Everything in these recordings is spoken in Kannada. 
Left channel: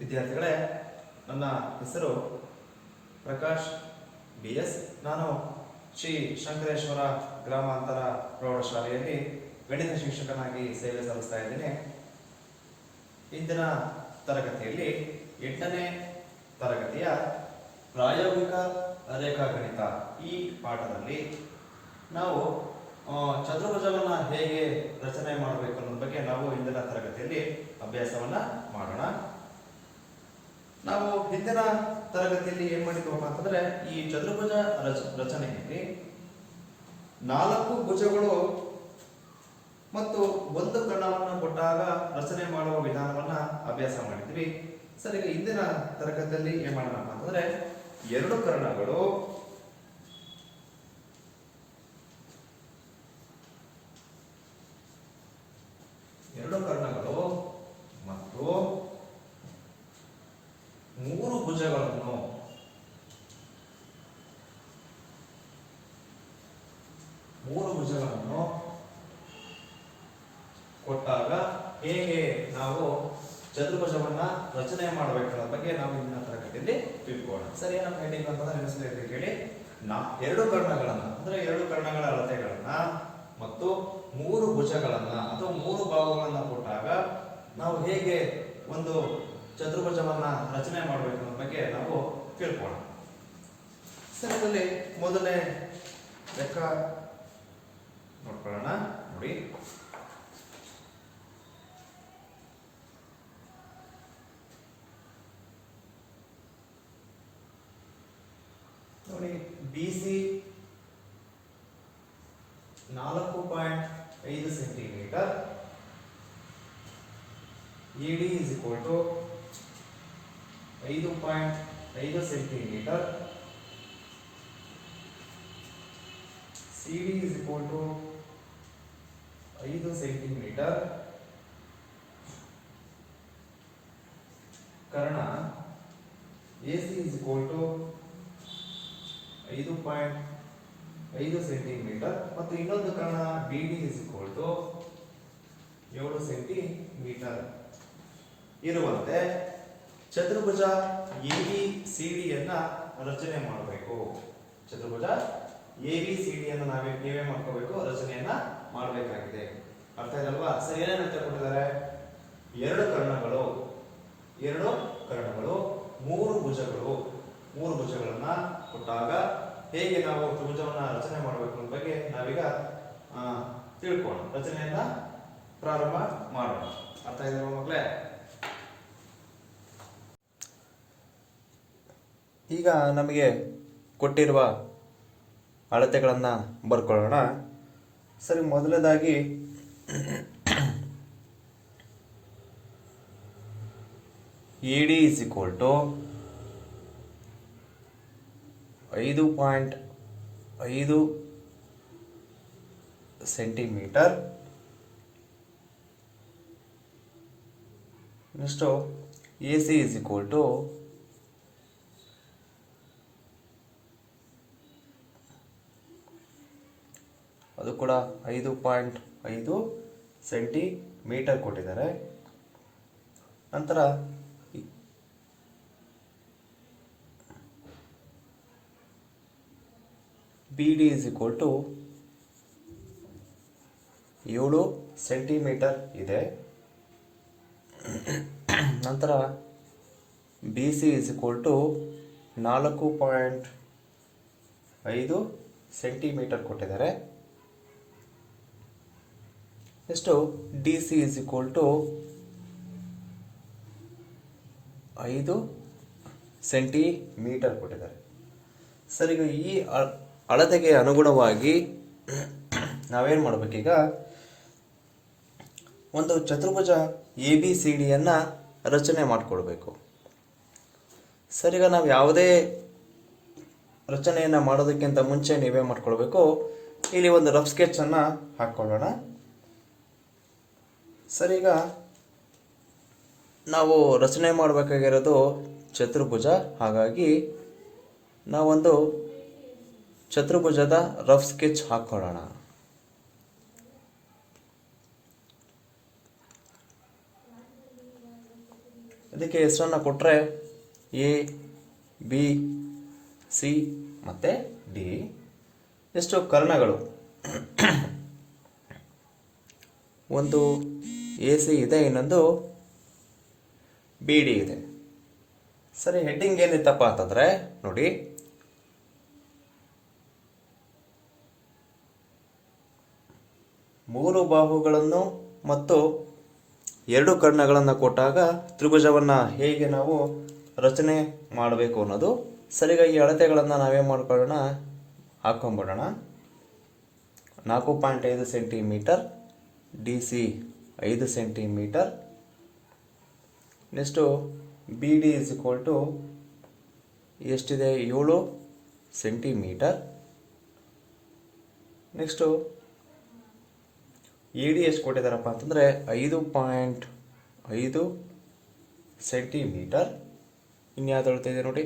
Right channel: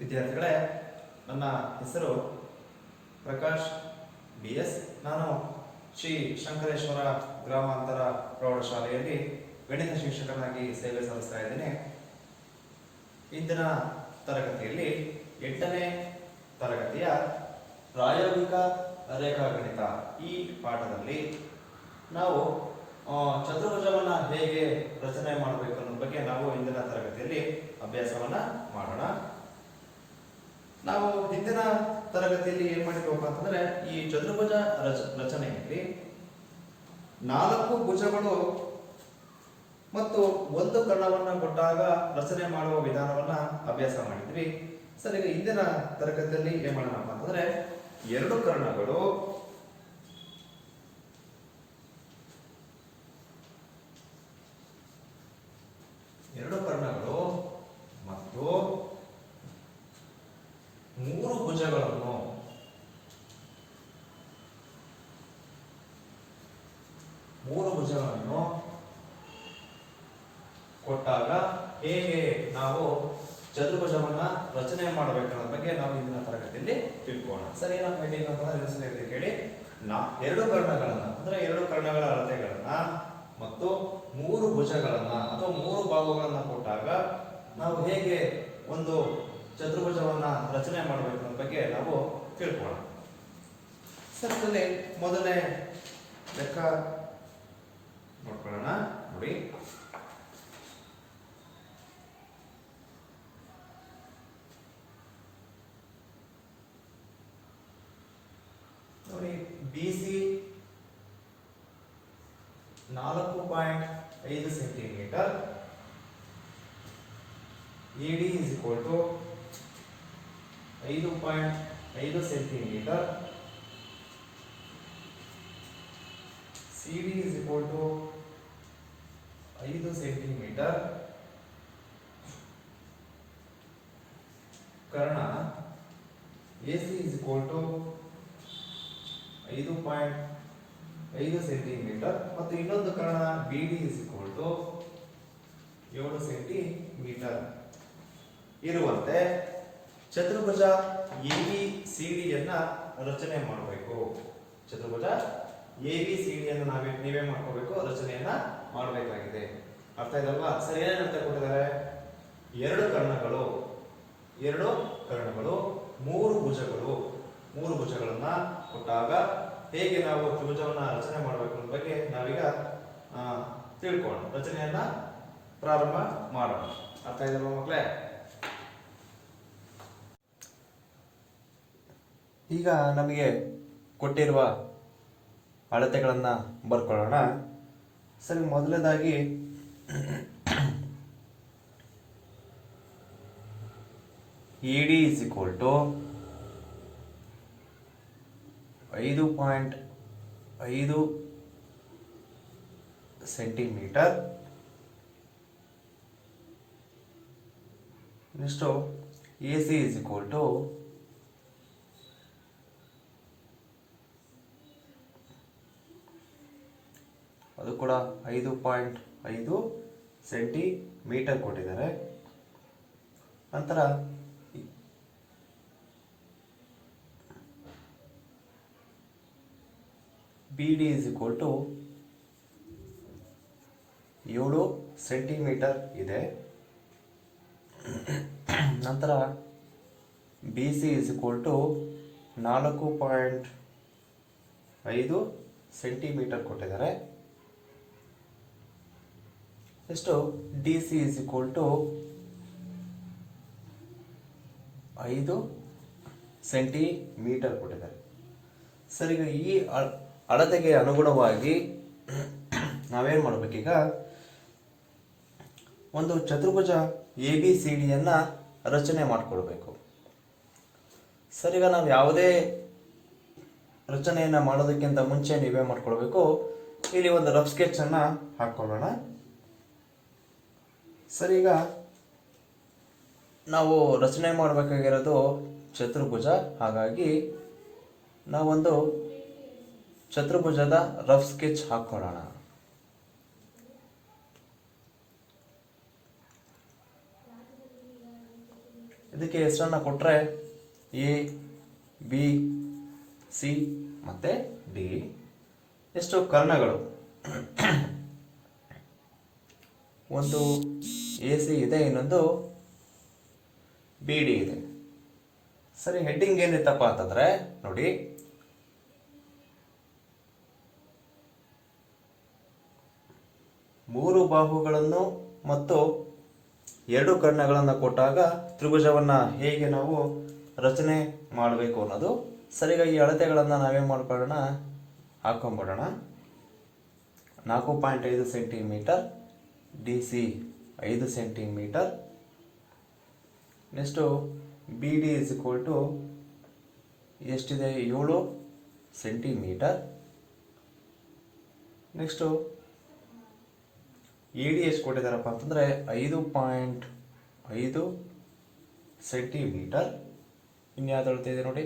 ವಿದ್ಯಾರ್ಥಿಗಳೇ, ನನ್ನ ಹೆಸರು ಪ್ರಕಾಶ್ BS. ನಾನು ಶ್ರೀ ಶಂಕರೇಶ್ವರ ಗ್ರಾಮಾಂತರ ಪ್ರೌಢಶಾಲೆಯಲ್ಲಿ ಗಣಿತ ಶಿಕ್ಷಕನಾಗಿ ಸೇವೆ ಸಲ್ಲಿಸ್ತಾ ಇದ್ದೇನೆ. ಇಂದಿನ ತರಗತಿಯಲ್ಲಿ 8ನೇ ತರಗತಿಯ ಪ್ರಾಯೋಗಿಕ ರೇಖಾಗಣಿತ ಈ ಪಾಠದಲ್ಲಿ ನಾವು ಚತುರ್ಭುಜವನ್ನು ಹೇಗೆ ರಚನೆ ಮಾಡಬೇಕು ಅನ್ನೋದ್ರ ಬಗ್ಗೆ ನಾವು ಇಂದಿನ ತರಗತಿಯಲ್ಲಿ ಅಭ್ಯಾಸವನ್ನ ಮಾಡೋಣ. ನಾವು ಹಿಂದಿನ ತರಗತಿಯಲ್ಲಿ ಏನ್ ಮಾಡಿದ್ವಪ್ಪ ಅಂತಂದ್ರೆ, ಈ ಚತುರ್ಭುಜ ರಚನೆಯಲ್ಲಿ 4 ಭುಜಗಳು ಮತ್ತು ಒಂದು ಕರ್ಣವನ್ನು ಕೊಟ್ಟಾಗ ರಚನೆ ಮಾಡುವ ವಿಧಾನವನ್ನ ಅಭ್ಯಾಸ ಮಾಡಿದ್ವಿ. ಸರಿ, ಈಗ ಇಂದಿನ ತರಗತಿಯಲ್ಲಿ ಏನ್ ಮಾಡೋಣಪ್ಪ ಅಂತಂದ್ರೆ, 2 ಕರ್ಣಗಳು ಮತ್ತು 3 ಭುಜಗಳನ್ನು ಕೊಟ್ಟಾಗ ಹೇಗೆ ನಾವು ಚತುರ್ಭುಜವನ್ನ ರಚನೆ ಮಾಡಬೇಕನ್ನೋ ಬಗ್ಗೆ ನಾವು ಇಂದಿನ ತರಗತಿಯಲ್ಲಿ ತಿಳ್ಕೋಣ. ಸರಿ, ನಾವು ಹೆಡ್ಡಿಂಗ್ ಅಂತ ಹೇಳಿ 2 ಕರ್ಣಗಳನ್ನ ಅಂದ್ರೆ 2 ಕರ್ಣಗಳ ಅಳತೆಗಳನ್ನ ಮತ್ತು 3 ಭುಜಗಳನ್ನ ಅಥವಾ 3 ಭಾಗಗಳನ್ನ ಕೊಟ್ಟಾಗ ನಾವು ಹೇಗೆ ಒಂದು ಚತುರ್ಭುಜವನ್ನ ರಚನೆ ಮಾಡಬೇಕು ಅನ್ನೋ ಬಗ್ಗೆ ನಾವು ತಿಳ್ಕೋಣ. ಸರಿ, ಇದರಲ್ಲಿ ಮೊದಲನೇ ಲೆಕ್ಕ ನೋಡ್ಕೊಳ್ಳೋಣ. ನೋಡಿ, BC 4.5 centimetre, ED is equal to 5.5 centimetre, CD is equal to 5 centimetre. Karna AC is equal to 5.5 centimetre ಮತ್ತು ಇನ್ನೊಂದು Karna BD is equal to 7 centimetre ಇರುವಂತೆ ಚತುರ್ಭುಜ ABCD ಯನ್ನ ರಚನೆ ಮಾಡಬೇಕು. ಚತುರ್ಭುಜ ABCD ಯನ್ನು ನೀವೇ ಮಾಡ್ಕೋಬೇಕು, ರಚನೆಯನ್ನ ಮಾಡಬೇಕಾಗಿದೆ. ಅರ್ಥ ಇದಲ್ವಾ? ಸರಿ, ಏನಂತ ಕೊಟ್ಟಿದ್ದಾರೆ? 2 ಕರ್ಣಗಳು, 3 ಭುಜಗಳನ್ನ ಕೊಟ್ಟಾಗ ಹೇಗೆ ನಾವು ತ್ರಿಭುಜವನ್ನ ರಚನೆ ಮಾಡಬೇಕು ಅನ್ನೋ ಬಗ್ಗೆ ನಾವೀಗ ತಿಳ್ಕೊಂಡು ರಚನೆಯನ್ನ ಪ್ರಾರಂಭ ಮಾಡೋಣ. ಅರ್ಥ ಇದಲ್ವಾ ಮಕ್ಕಳೇ? ಈಗ ನಮಗೆ ಕೊಟ್ಟಿರುವ ಅಳತೆಗಳನ್ನ ಬರ್ಕೊಳ್ಳೋಣ. ಸರಿ, ಮೊದಲನೇದಾಗಿ ED is equal to 5.5 centimetre. Next AC is equal to 5.5 centimetre ಕೊಟ್ಟಿದ್ದಾರೆ. ನಂತರ BD is equal to 7 centimetre ಇದೆ. ನಂತರ BC is equal to 4.5 centimetre ಕೊಟ್ಟಿದ್ದಾರೆ. Next DC is equal to 5 centimetre ಕೊಟ್ಟಿದ್ದಾರೆ. ಸರಿ, ಈ ಅಳತೆಗೆ ಅನುಗುಣವಾಗಿ ನಾವೇನು ಮಾಡಬೇಕೀಗ? ಒಂದು ಚತುರ್ಭುಜ ABCD ಯನ್ನ ರಚನೆ ಮಾಡಿಕೊಳ್ಬೇಕು. ಸರಿ, ಈಗ ನಾವು ಯಾವುದೇ ರಚನೆಯನ್ನು ಮಾಡೋದಕ್ಕಿಂತ ಮುಂಚೆ ನೀವೇ ಮಾಡ್ಕೊಳ್ಬೇಕು, ಇಲ್ಲಿ ಒಂದು ರಫ್ ಸ್ಕೆಚ್ ಅನ್ನ ಹಾಕೊಳ್ಳೋಣ. ಸರಿ, ಈಗ ನಾವು ರಚನೆ ಮಾಡಬೇಕಾಗಿರೋದು ಚತುರ್ಭುಜ. ಹಾಗಾಗಿ ನಾವೊಂದು ಚತುರ್ಭುಜದ ರಫ್ ಸ್ಕೆಚ್ ಹಾಕೊಳ್ಳೋಣ. ಅದಕ್ಕೆ ಹೆಸರನ್ನು ಕೊಟ್ಟರೆ ಎ ಬಿ ಸಿ ಮತ್ತು ಡಿ. ಎಷ್ಟು ಕರ್ಣಗಳು? ಒಂದು ಎ ಸಿ ಇದೆ, ಇನ್ನೊಂದು ಬಿ ಡಿ ಇದೆ. ಸರಿ, ಹೆಡ್ಡಿಂಗ್ ಏನಿತ್ತಪ್ಪ ಅಂತಂದ್ರೆ ನೋಡಿ, ಮೂರು ಬಾಹುಗಳನ್ನು ಮತ್ತು ಎರಡು ಕರ್ಣಗಳನ್ನು ಕೊಟ್ಟಾಗ ತ್ರಿಭುಜವನ್ನ ಹೇಗೆ ನಾವು ರಚನೆ ಮಾಡಬೇಕು ಅನ್ನೋದು. ಸರಿಗ ಈ ಅಳತೆಗಳನ್ನು ನಾವೇನು ಮಾಡ್ಕೊಳ್ಳೋಣ, ಹಾಕೊಂಡ್ಬಿಡೋಣ. 4.5 centimetre, D C 5 centimetre. Next B D is equal to ಎಷ್ಟಿದೆ, 7 ಸೆಂಟಿಮೀಟರ್. ನೆಕ್ಸ್ಟು ಎ ಡಿ ಎಷ್ಟು ಕೊಟ್ಟಿದ್ದಾರಪ್ಪ ಅಂತಂದರೆ 5.5 ಸೆಂಟಿಮೀಟರ್. ಇನ್ಯಾವ್ದು ಅಳ್ತಿದೆ ನೋಡಿ.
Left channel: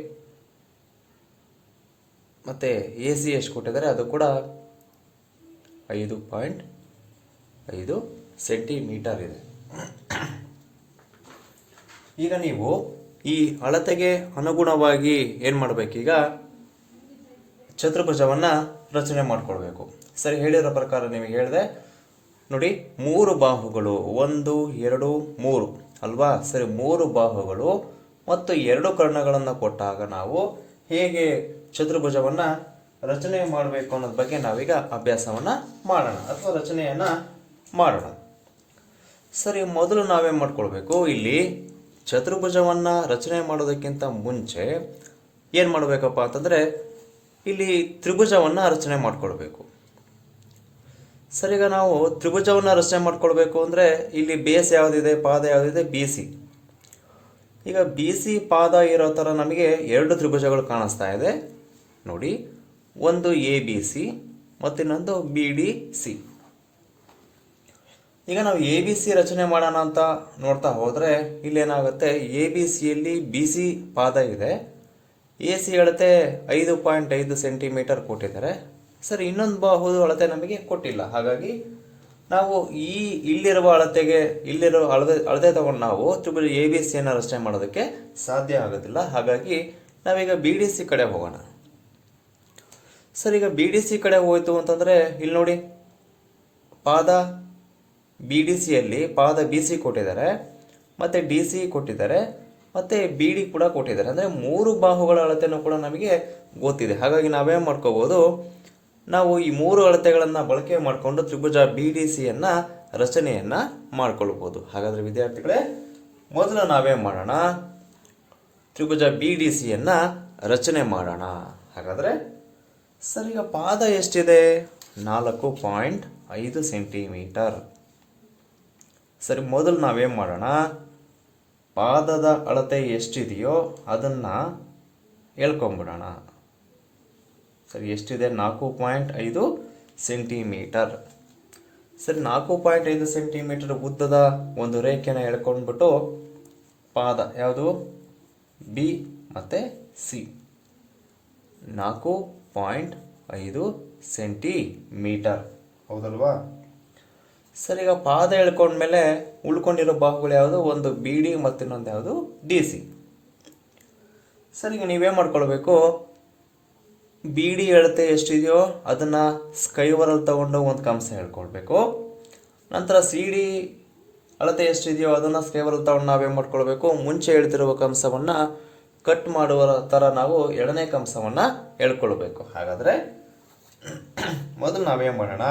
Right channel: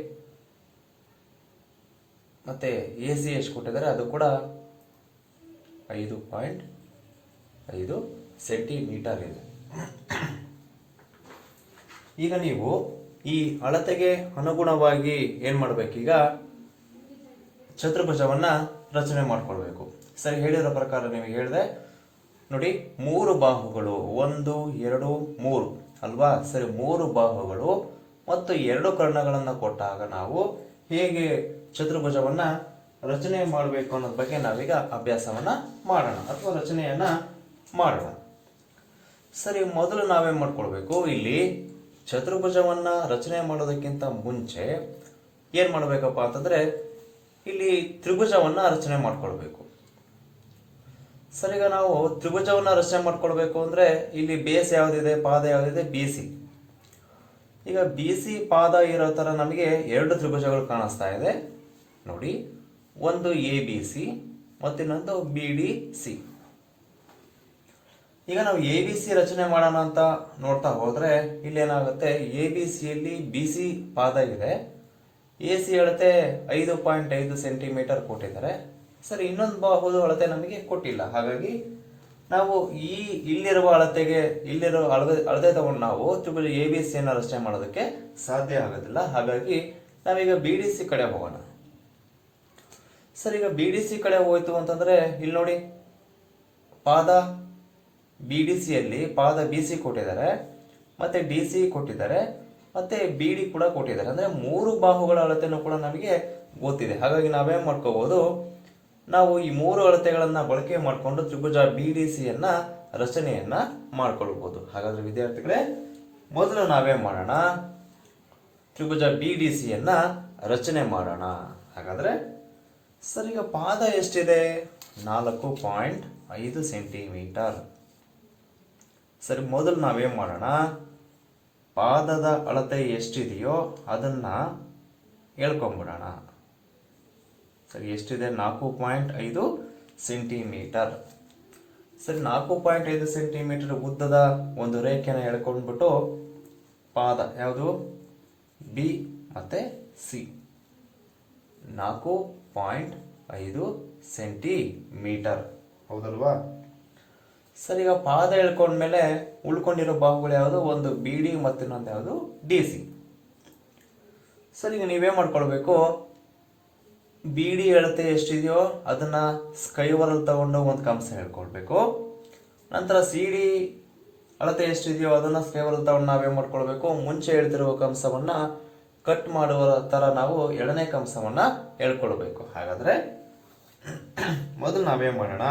ಮತ್ತು ಎ ಸಿ ಎಷ್ಟು ಕೊಟ್ಟಿದ್ದಾರೆ, ಅದು ಕೂಡ 5.5 ಸೆಂಟಿಮೀಟರ್ ಇದೆ. ಈಗ ನೀವು ಈ ಅಳತೆಗೆ ಅನುಗುಣವಾಗಿ ಏನು ಮಾಡಬೇಕೀಗ, ಚತುರ್ಭುಜವನ್ನ ರಚನೆ ಮಾಡ್ಕೊಳ್ಬೇಕು. ಸರಿ, ಹೇಳಿರೋ ಪ್ರಕಾರ ನಿಮಗೆ ಹೇಳಿದೆ ನೋಡಿ, 3 ಬಾಹುಗಳು, 1 2 3 ಅಲ್ವಾ? ಸರಿ, 3 ಬಾಹುಗಳು ಮತ್ತು 2 ಕರ್ಣಗಳನ್ನು ಕೊಟ್ಟಾಗ ನಾವು ಹೇಗೆ ಚತುರ್ಭುಜವನ್ನ ರಚನೆ ಮಾಡಬೇಕು ಅನ್ನೋದ್ರ ಬಗ್ಗೆ ನಾವೀಗ ಅಭ್ಯಾಸವನ್ನ ಮಾಡೋಣ, ಅಥವಾ ರಚನೆಯನ್ನ ಮಾಡೋಣ. ಸರಿ, ಮೊದಲು ನಾವೇನ್ ಮಾಡ್ಕೊಳ್ಬೇಕು, ಇಲ್ಲಿ ಚತುರ್ಭುಜವನ್ನ ರಚನೆ ಮಾಡೋದಕ್ಕಿಂತ ಮುಂಚೆ ಏನ್ ಮಾಡಬೇಕಪ್ಪ ಅಂತಂದ್ರೆ ಇಲ್ಲಿ ತ್ರಿಭುಜವನ್ನ ರಚನೆ ಮಾಡ್ಕೊಳ್ಬೇಕು. ಸರಿಗ ನಾವು ತ್ರಿಭುಜವನ್ನ ರಚನೆ ಮಾಡ್ಕೊಳ್ಬೇಕು ಅಂದ್ರೆ ಇಲ್ಲಿ ಬೇಸ್ ಯಾವುದಿದೆ, ಪಾದ ಯಾವುದಿದೆ, ಬಿ ಸಿ. ಈಗ ಬಿ ಸಿ ಪಾದ ಇರೋ ತರ ನಮಗೆ 2 ತ್ರಿಭುಜಗಳು ಕಾಣಿಸ್ತಾ ಇದೆ ನೋಡಿ. ಒಂದು ಎ ಬಿ ಸಿ ಮತ್ತಿನ್ನೊಂದು ಬಿ ಡಿ ಸಿ. ಈಗ ನಾವು ಎ ಬಿ ಸಿ ರಚನೆ ಮಾಡೋಣ ಅಂತ ನೋಡ್ತಾ ಹೋದ್ರೆ ಇಲ್ಲೇನಾಗುತ್ತೆ, ಎ ಬಿ ಸಿಯಲ್ಲಿ ಬಿ ಸಿ ಪಾದ ಇದೆ, ಎ ಸಿ ಅಳತೆ 5.5 ಸೆಂಟಿಮೀಟರ್ ಕೊಟ್ಟಿದ್ದಾರೆ. ಸರಿ, ಇನ್ನೊಂದು ಬಾಹುದು ಅಳತೆ ನಮಗೆ ಕೊಟ್ಟಿಲ್ಲ. ಹಾಗಾಗಿ ನಾವು ಇಲ್ಲಿರುವ ಅಳತೆ ತಗೊಂಡು ನಾವು ತ್ರಿಭುಜ ಎ ಬಿ ಸಿಯನ್ನು ರಚನೆ ಮಾಡೋದಕ್ಕೆ ಸಾಧ್ಯ ಆಗೋದಿಲ್ಲ. ಹಾಗಾಗಿ ನಾವೀಗ ಬಿ ಡಿ ಸಿ ಕಡೆ ಹೋಗೋಣ. ಸರಿ, ಈಗ ಬಿ ಡಿ ಸಿ ಕಡೆ ಹೋಯ್ತು ಅಂತಂದ್ರೆ ಇಲ್ಲಿ ನೋಡಿ, ಪಾದ ಬಿ ಡಿ ಸಿಯಲ್ಲಿ ಪಾದ ಬಿ ಸಿ ಕೊಟ್ಟಿದ್ದಾರೆ, ಮತ್ತೆ ಡಿ ಸಿ ಕೊಟ್ಟಿದ್ದಾರೆ, ಮತ್ತೆ ಬಿ ಡಿ ಕೂಡ ಕೊಟ್ಟಿದ್ದಾರೆ. ಅಂದ್ರೆ 3 ಬಾಹುಗಳ ಅಳತೆನೂ ಕೂಡ ನಮಗೆ ಗೊತ್ತಿದೆ. ಹಾಗಾಗಿ ನಾವೇನ್ ಮಾಡ್ಕೋಬಹುದು, ನಾವು ಈ 3 ಅಳತೆಗಳನ್ನ ಬಳಕೆ ಮಾಡಿಕೊಂಡು ತ್ರಿಭುಜ ಬಿ ಡಿ ಸಿಯನ್ನ ರಚನೆಯನ್ನ ಮಾಡ್ಕೊಳ್ಬಹುದು. ಹಾಗಾದ್ರೆ ವಿದ್ಯಾರ್ಥಿಗಳೇ, ಮೊದಲು ನಾವೇನ್ ಮಾಡೋಣ, ತ್ರಿಭುಜ ಬಿ ಡಿ ಸಿಯನ್ನ ರಚನೆ ಮಾಡೋಣ. ಹಾಗಾದ್ರೆ ಸರ್, ಈಗ ಪಾದ ಎಷ್ಟಿದೆ, 4.5 ಸೆಂಟಿಮೀಟರ್. ಸರಿ, ಮೊದಲು ನಾವೇನ್ ಮಾಡೋಣ, ಪಾದದ ಅಳತೆ ಎಷ್ಟಿದೆಯೋ ಅದನ್ನ ಹೇಳ್ಕೊಂಡ್ಬಿಡೋಣ. ಸರಿ, ಎಷ್ಟಿದೆ, 4.5 ಸೆಂಟಿಮೀಟರ್. ಸರಿ, 4.5 ಸೆಂಟಿಮೀಟರ್ ಉದ್ದದ ಒಂದು ರೇಖೆನ ಎಳ್ಕೊಂಡ್ಬಿಟ್ಟು ಪಾದ ಯಾವುದು, ಬಿ ಮತ್ತೆ ಸಿ, 4.5 ಸೆಂಟಿಮೀಟರ್. ಹೌದಲ್ವಾ? ಸರಿ, ಈಗ ಪಾದ ಎಳ್ಕೊಂಡ್ಮೇಲೆ ಉಳ್ಕೊಂಡಿರೋ ಬಾಹುಗಳು ಯಾವುದು, ಒಂದು ಬಿ ಡಿ ಮತ್ತು ಇನ್ನೊಂದು ಯಾವುದು, ಡಿ ಸಿ. ಸರಿ, ಈಗ ನೀವೇ ಮಾಡ್ಕೊಳ್ಬೇಕು, ಬಿ ಡಿ ಅಳತೆ ಎಷ್ಟಿದೆಯೋ ಅದನ್ನ ಸ್ಕೈವರಲ್ಲಿ ತಗೊಂಡು ಒಂದು ಕಂಸ ಹೇಳ್ಕೊಳ್ಬೇಕು. ನಂತರ ಸಿ ಡಿ ಅಳತೆ ಎಷ್ಟಿದೆಯೋ ಅದನ್ನ ಸ್ಕೈವರಲ್ಲಿ ತಗೊಂಡು ನಾವೇನ್ ಮಾಡ್ಕೊಳ್ಬೇಕು, ಮುಂಚೆ ಹೇಳ್ತಿರುವ ಕಂಸವನ್ನ ಕಟ್ ಮಾಡುವ ತರ ನಾವು 2ನೇ ಕಂಸವನ್ನ ಹೇಳ್ಕೊಳ್ಬೇಕು. ಹಾಗಾದ್ರೆ ಮೊದಲು ನಾವೇನ್ ಮಾಡೋಣ,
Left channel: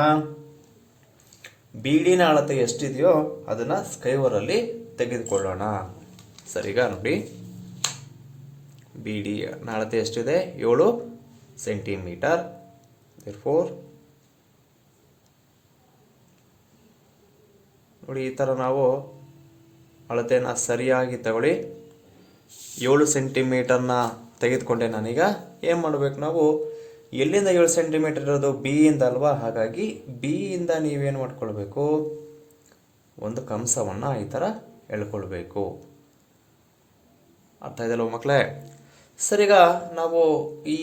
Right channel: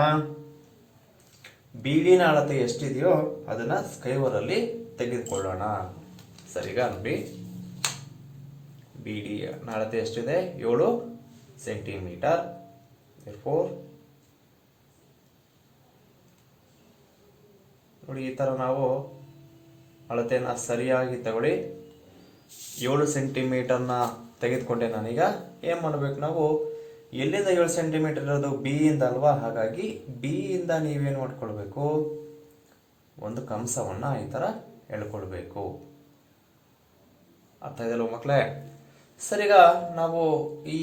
ಬಿ ಡಿನ ಅಳತೆ ಎಷ್ಟಿದೆಯೋ ಅದನ್ನ ಸ್ಕೈವರಲ್ಲಿ ತೆಗೆದುಕೊಳ್ಳೋಣ. ಸರಿಗ ನೋಡಿ, ಬಿ ಡಿ ಅಳತೆ ಎಷ್ಟಿದೆ, 7 ಸೆಂಟಿಮೀಟರ್. ನೋಡಿ, ಈ ತರ ನಾವು ಅಳತೆನ ಸರಿಯಾಗಿ ತಗೊಳ್ಳಿ. 7 ಸೆಂಟಿಮೀಟರ್ನ ತೆಗೆದುಕೊಂಡೆ ನಾನೀಗ. ಏನ್ ಮಾಡ್ಬೇಕು, ನಾವು ಎಲ್ಲಿಂದ 7 ಸೆಂಟಿಮೀಟರ್ ಇರೋದು, ಬಿ ಇಂದ ಅಲ್ವಾ? ಹಾಗಾಗಿ ಬಿ ಇಂದ ನೀವೇನು ಮಾಡ್ಕೊಳ್ಬೇಕು, ಒಂದು ಕಂಸವನ್ನ ಈ ತರ ಎಳ್ಕೊಳ್ಬೇಕು. ಅರ್ಥ ಇದಲ್ವ ಮಕ್ಕಳೇ? ಸರಿಗ ನಾವು ಈ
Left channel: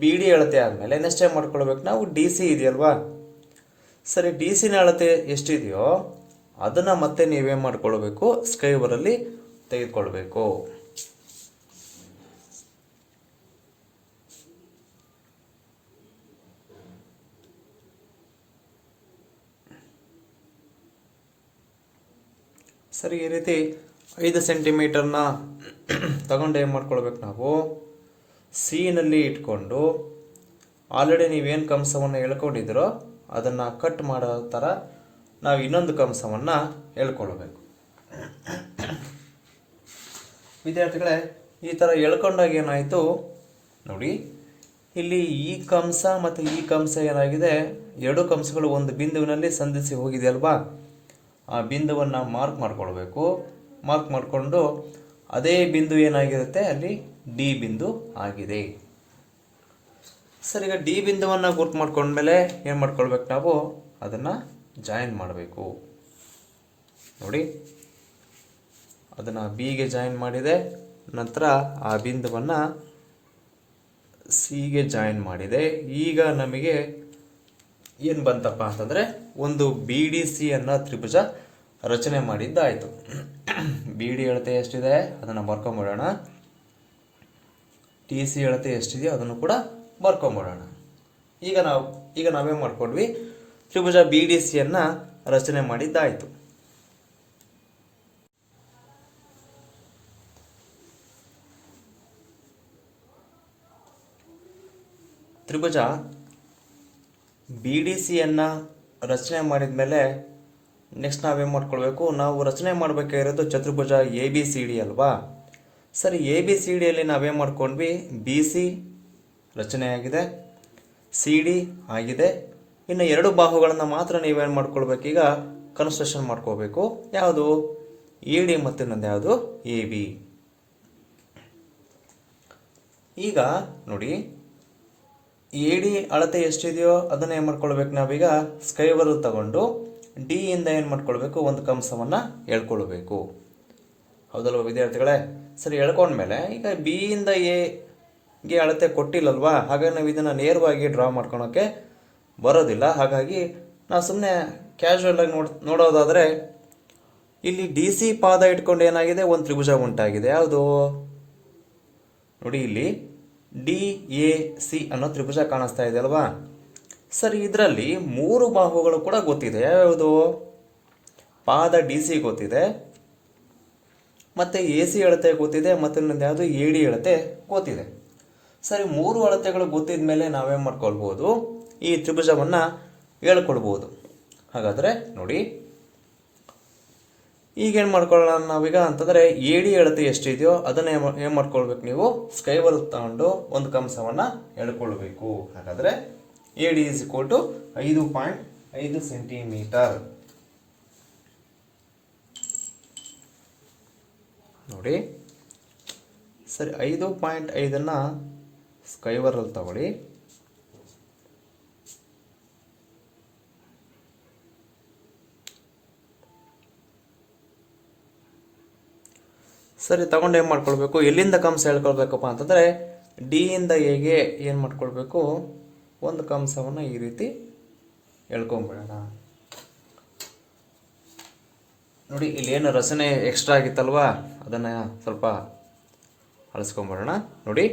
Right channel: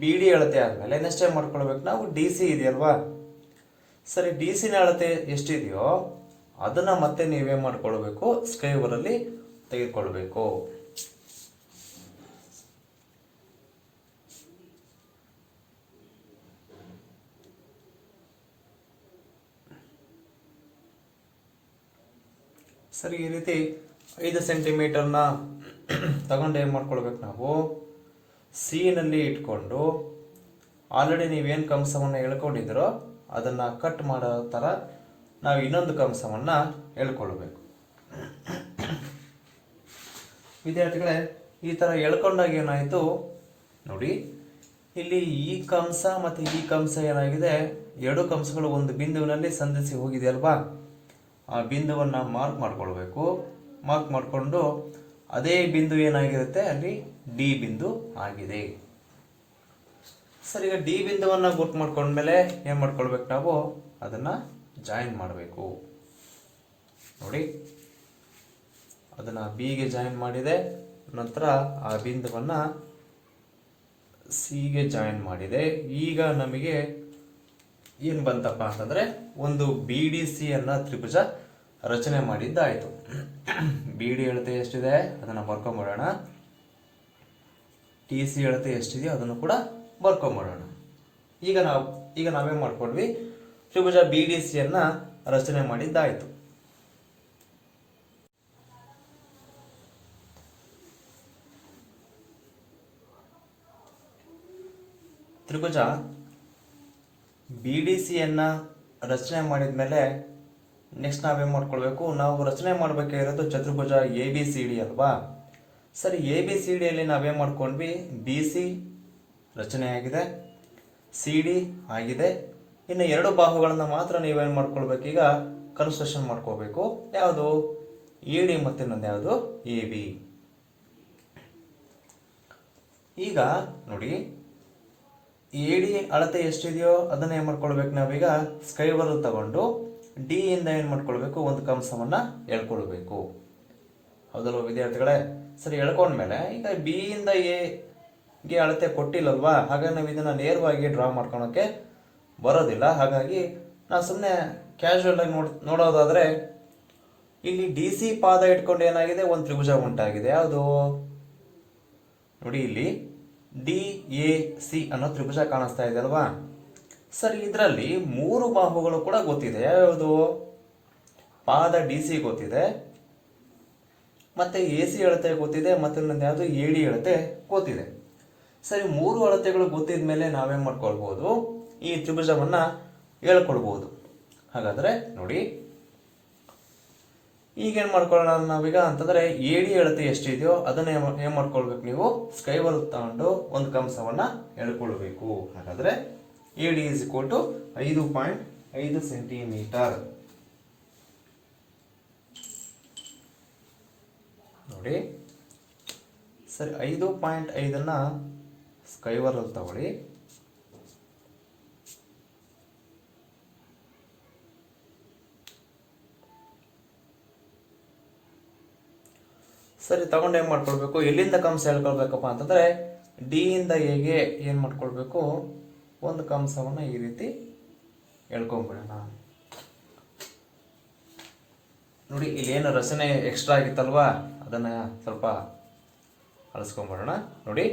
ಬಿ ಡಿ ಅಳತೆ ಆದ್ಮೇಲೆ ನೆಕ್ಸ್ಟ್ ಟೈಮ್ ಮಾಡ್ಕೊಳ್ಬೇಕು, ನಾವು ಡಿ ಸಿ ಇದೆಯಲ್ವಾ? ಸರಿ, ಡಿ ಸಿನ ಅಳತೆ ಎಷ್ಟಿದೆಯೋ ಅದನ್ನ ಮತ್ತೆ ನೀವೇನ್ ಮಾಡ್ಕೊಳ್ಬೇಕು, ಸ್ಕೈವರಲ್ಲಿ ತೆಗೆದುಕೊಳ್ಬೇಕು. ಸರಿ, ಈ ರೀತಿ 5 ಸೆಂಟಿಮೀಟರ್ನ ತಗೊಂಡು ಏನು ಮಾಡ್ಕೊಳ್ಬೇಕು ನಾವು ಸಿ ನಲ್ಲಿ ಇಟ್ಕೊಂಡು ಆಲ್ರೆಡಿ ನೀವೇನು ಕಂಸವನ್ನು ಎಳ್ಕೊಂಡಿದ್ರೋ ಅದನ್ನು ಕಟ್ ಮಾಡೋ ಥರ ನಾವು ಇನ್ನೊಂದು ಕಂಸವನ್ನು ಎಳ್ಕೊಳ್ಬೇಕು. ವಿದ್ಯಾರ್ಥಿಗಳೇ, ಈ ಥರ ಎಳ್ಕೊಂಡಾಗ ಏನಾಯಿತು ನೋಡಿ, ಇಲ್ಲಿ ಈ ಕಂಸ ಮತ್ತು ಈ ಕಂಸ ಏನಾಗಿದೆ, ಎರಡು ಕಂಸಗಳು ಒಂದು ಬಿಂದುವಿನಲ್ಲಿ ಸಂಧಿಸಿ ಹೋಗಿದೆ ಅಲ್ವಾ. ಆ ಬಿಂದುವನ್ನು ಮಾರ್ಕ್ ಮಾಡ್ಕೊಳ್ಬೇಕು. ಮಾರ್ಕ್ ಮಾಡಿಕೊಂಡು ಅದೇ ಬಿಂದು ಏನಾಗಿರುತ್ತೆ ಅಲ್ಲಿ ಡಿ ಬಿಂದು ಆಗಿದೆ. ಸರಿ, ಈಗ ಡಿ ಬಿಂದುವನ್ನು ಗುರ್ತು ಮಾಡ್ಕೊಂಡ್ಮೇಲೆ ಏನು ಮಾಡ್ಕೊಳ್ಬೇಕು ನಾವು ಅದನ್ನು ಜಾಯಿನ್ ಮಾಡಬೇಕು. ನೋಡಿ, ಅದನ್ನು ಬಿಗೆ ಜಾಯಿನ್ ಮಾಡಿದೆ, ನಂತರ ಆ ಬಿಂದುವನ್ನು ಸಿಗೆ ಜಾಯಿನ್ ಮಾಡಿದೆ. ಈಗ ನಮಗೆ ಏನು ಬಂತಪ್ಪ ಅಂತಂದರೆ ಒಂದು ಬಿ ಡಿ ಸಿ ಅನ್ನ ತ್ರಿಭುಜ ರಚನೆ ಮಾಡಿದ್ದಾಯಿತು. ಬಿ ಡಿ ಅಳತೆ ಎಷ್ಟಿದೆ ಅದನ್ನು ಬರ್ಕೊಂಬಿಡೋಣ. ಟಿ ಸಿ ಅಳತೆ ಎಷ್ಟಿದೆಯೋ ಅದನ್ನು ಕೂಡ ಬರ್ಕೊಂಬಿಡೋಣ. ಈಗ ನಾವೇನು ಮಾಡ್ಕೊಂಡ್ವಿ, ತ್ರಿಭುಜ ಬಿ ಡಿ ಸಿ ಅನ್ನ ರಚನೆ ಮಾಡಿದ್ದಾಯಿತು. ತ್ರಿಭುಜ ಬಿ ಡಿ ಸಿಯನ್ನು ರಚನೆ ಮಾಡಿದ ಮೇಲೆ ನೆಕ್ಸ್ಟ್ ನಾವೇನು ಮಾಡ್ಕೊಳ್ಬೇಕು, ನಾವು ರಚನೆ ಮಾಡಬೇಕಾಗಿರೋದು ಚತುರ್ಭುಜ ಎ ಬಿ ಸಿ ಡಿ ಅಲ್ವಾ. ಸರಿ, ಎ ಬಿ ಸಿ ಡಿಯಲ್ಲಿ ನಾವೇನು ಮಾಡ್ಕೊಂಡ್ವಿ, ಬಿ ಸಿ ರಚನೆಯಾಗಿದೆ, ಸಿ ಡಿ ಆಗಿದೆ. ಇನ್ನು ಎರಡು ಬಾಹುಗಳನ್ನು ಮಾತ್ರ ನೀವೇನು ಮಾಡ್ಕೊಳ್ಬೇಕು, ಈಗ ಕನ್ಸ್ಟ್ರಕ್ಷನ್ ಮಾಡ್ಕೋಬೇಕು. ಯಾವುದು ಎ ಡಿ ಮತ್ತು ಇನ್ನೊಂದು ಯಾವುದು ಎ ಬಿ. ಈಗ ನೋಡಿ, ಎ ಡಿ ಅಳತೆ ಎಷ್ಟಿದೆಯೋ ಅದನ್ನ ಏನು ಮಾಡ್ಕೊಳ್ಬೇಕು, ನಾವೀಗ ಸ್ಕೈವರ್ ತಗೊಂಡು ಡಿ ಇಂದ ಏನು ಮಾಡ್ಕೊಳ್ಬೇಕು, ಒಂದು ಕಂಸವನ್ನು ಎಳ್ಕೊಳ್ಬೇಕು. ಹೌದಲ್ವ ವಿದ್ಯಾರ್ಥಿಗಳೇ? ಸರಿ, ಎಳ್ಕೊಂಡ್ಮೇಲೆ ಈಗ ಬಿ ಇಂದ ಎಗೆ ಅಳತೆ ಕೊಟ್ಟಿಲ್ಲಲ್ವಾ, ಹಾಗಾಗಿ ನಾವು ಇದನ್ನು ನೇರವಾಗಿ ಡ್ರಾ ಮಾಡ್ಕೊಳಕ್ಕೆ ಬರೋದಿಲ್ಲ. ಹಾಗಾಗಿ ನಾವು ಸುಮ್ಮನೆ ಕ್ಯಾಶುವಲ್ ಆಗಿ ನೋಡೋದಾದರೆ ಇಲ್ಲಿ ಡಿ ಸಿ ಪಾದ ಇಟ್ಕೊಂಡು ಏನಾಗಿದೆ, ಒಂದು ತ್ರಿಭುಜ ಉಂಟಾಗಿದೆ. ಯಾವುದು ನೋಡಿ, ಇಲ್ಲಿ ಡಿ ಎ ಸಿ ಅನ್ನೋ ತ್ರಿಭುಜ ಕಾಣಿಸ್ತಾ ಇದೆ ಅಲ್ವಾ. ಸರಿ, ಇದರಲ್ಲಿ ಮೂರು ಬಾಹುಗಳು ಕೂಡ ಗೊತ್ತಿದೆ. ಯಾವುದು ಪಾದ ಡಿ ಸಿ ಗೊತ್ತಿದೆ, ಮತ್ತೆ ಎ ಸಿ ಅಳತೆ ಗೊತ್ತಿದೆ, ಮತ್ತೆ ಇನ್ನೊಂದು ಯಾವುದು ಎ ಡಿ ಅಳತೆ ಗೊತ್ತಿದೆ. ಸರಿ, ಮೂರು ಅಳತೆಗಳು ಗೊತ್ತಿದ ಮೇಲೆ ನಾವೇನು ಮಾಡ್ಕೊಳ್ಬೋದು, ಈ ತ್ರಿಭುಜವನ್ನು ಹೇಳ್ಕೊಡ್ಬೋದು. ಹಾಗಾದರೆ ನೋಡಿ, ಈಗೇನು ಮಾಡ್ಕೊಳ್ಳೋಣ ನಾವೀಗ ಅಂತಂದರೆ ಎ ಡಿ ಅಳತೆ ಎಷ್ಟಿದೆಯೋ ಅದನ್ನ ಏನು ಮಾಡ್ಕೊಳ್ಬೇಕು, ನೀವು ಸ್ಕೈವರ್ ತಗೊಂಡು ಒಂದು ಕಂಸವನ್ನು ಹೇಳ್ಕೊಳ್ಬೇಕು. ಹಾಗಾದರೆ A D is equal to 5.5 centimetre. ನೋಡಿ, ಸರಿ, 5.5 ಸ್ಕೈವರಲ್ಲಿ ತಗೊಳ್ಳಿ. ಸರಿ, ತಗೊಂಡು ಏನು ಮಾಡ್ಕೊಳ್ಬೇಕು, ಎಲ್ಲಿಂದ ಕಂಸ ಹೇಳ್ಕೊಳ್ಬೇಕಪ್ಪ ಅಂತಂದರೆ ಡಿ ಇಂದ ಎಗೆ ಏನು ಮಾಡ್ಕೊಳ್ಬೇಕು, ಒಂದು ಕಂಸವನ್ನು ಈ ರೀತಿ ಹೇಳ್ಕೊಂಬಿಡೋಣ. ನೋಡಿ, ಇಲ್ಲಿ ಏನು ರಚನೆ ಎಕ್ಸ್ಟ್ರಾ ಆಗಿತ್ತಲ್ವಾ, ಅದನ್ನು ಸ್ವಲ್ಪ ಅಳಿಸ್ಕೊಂಬಿಡೋಣ. ನೋಡಿ,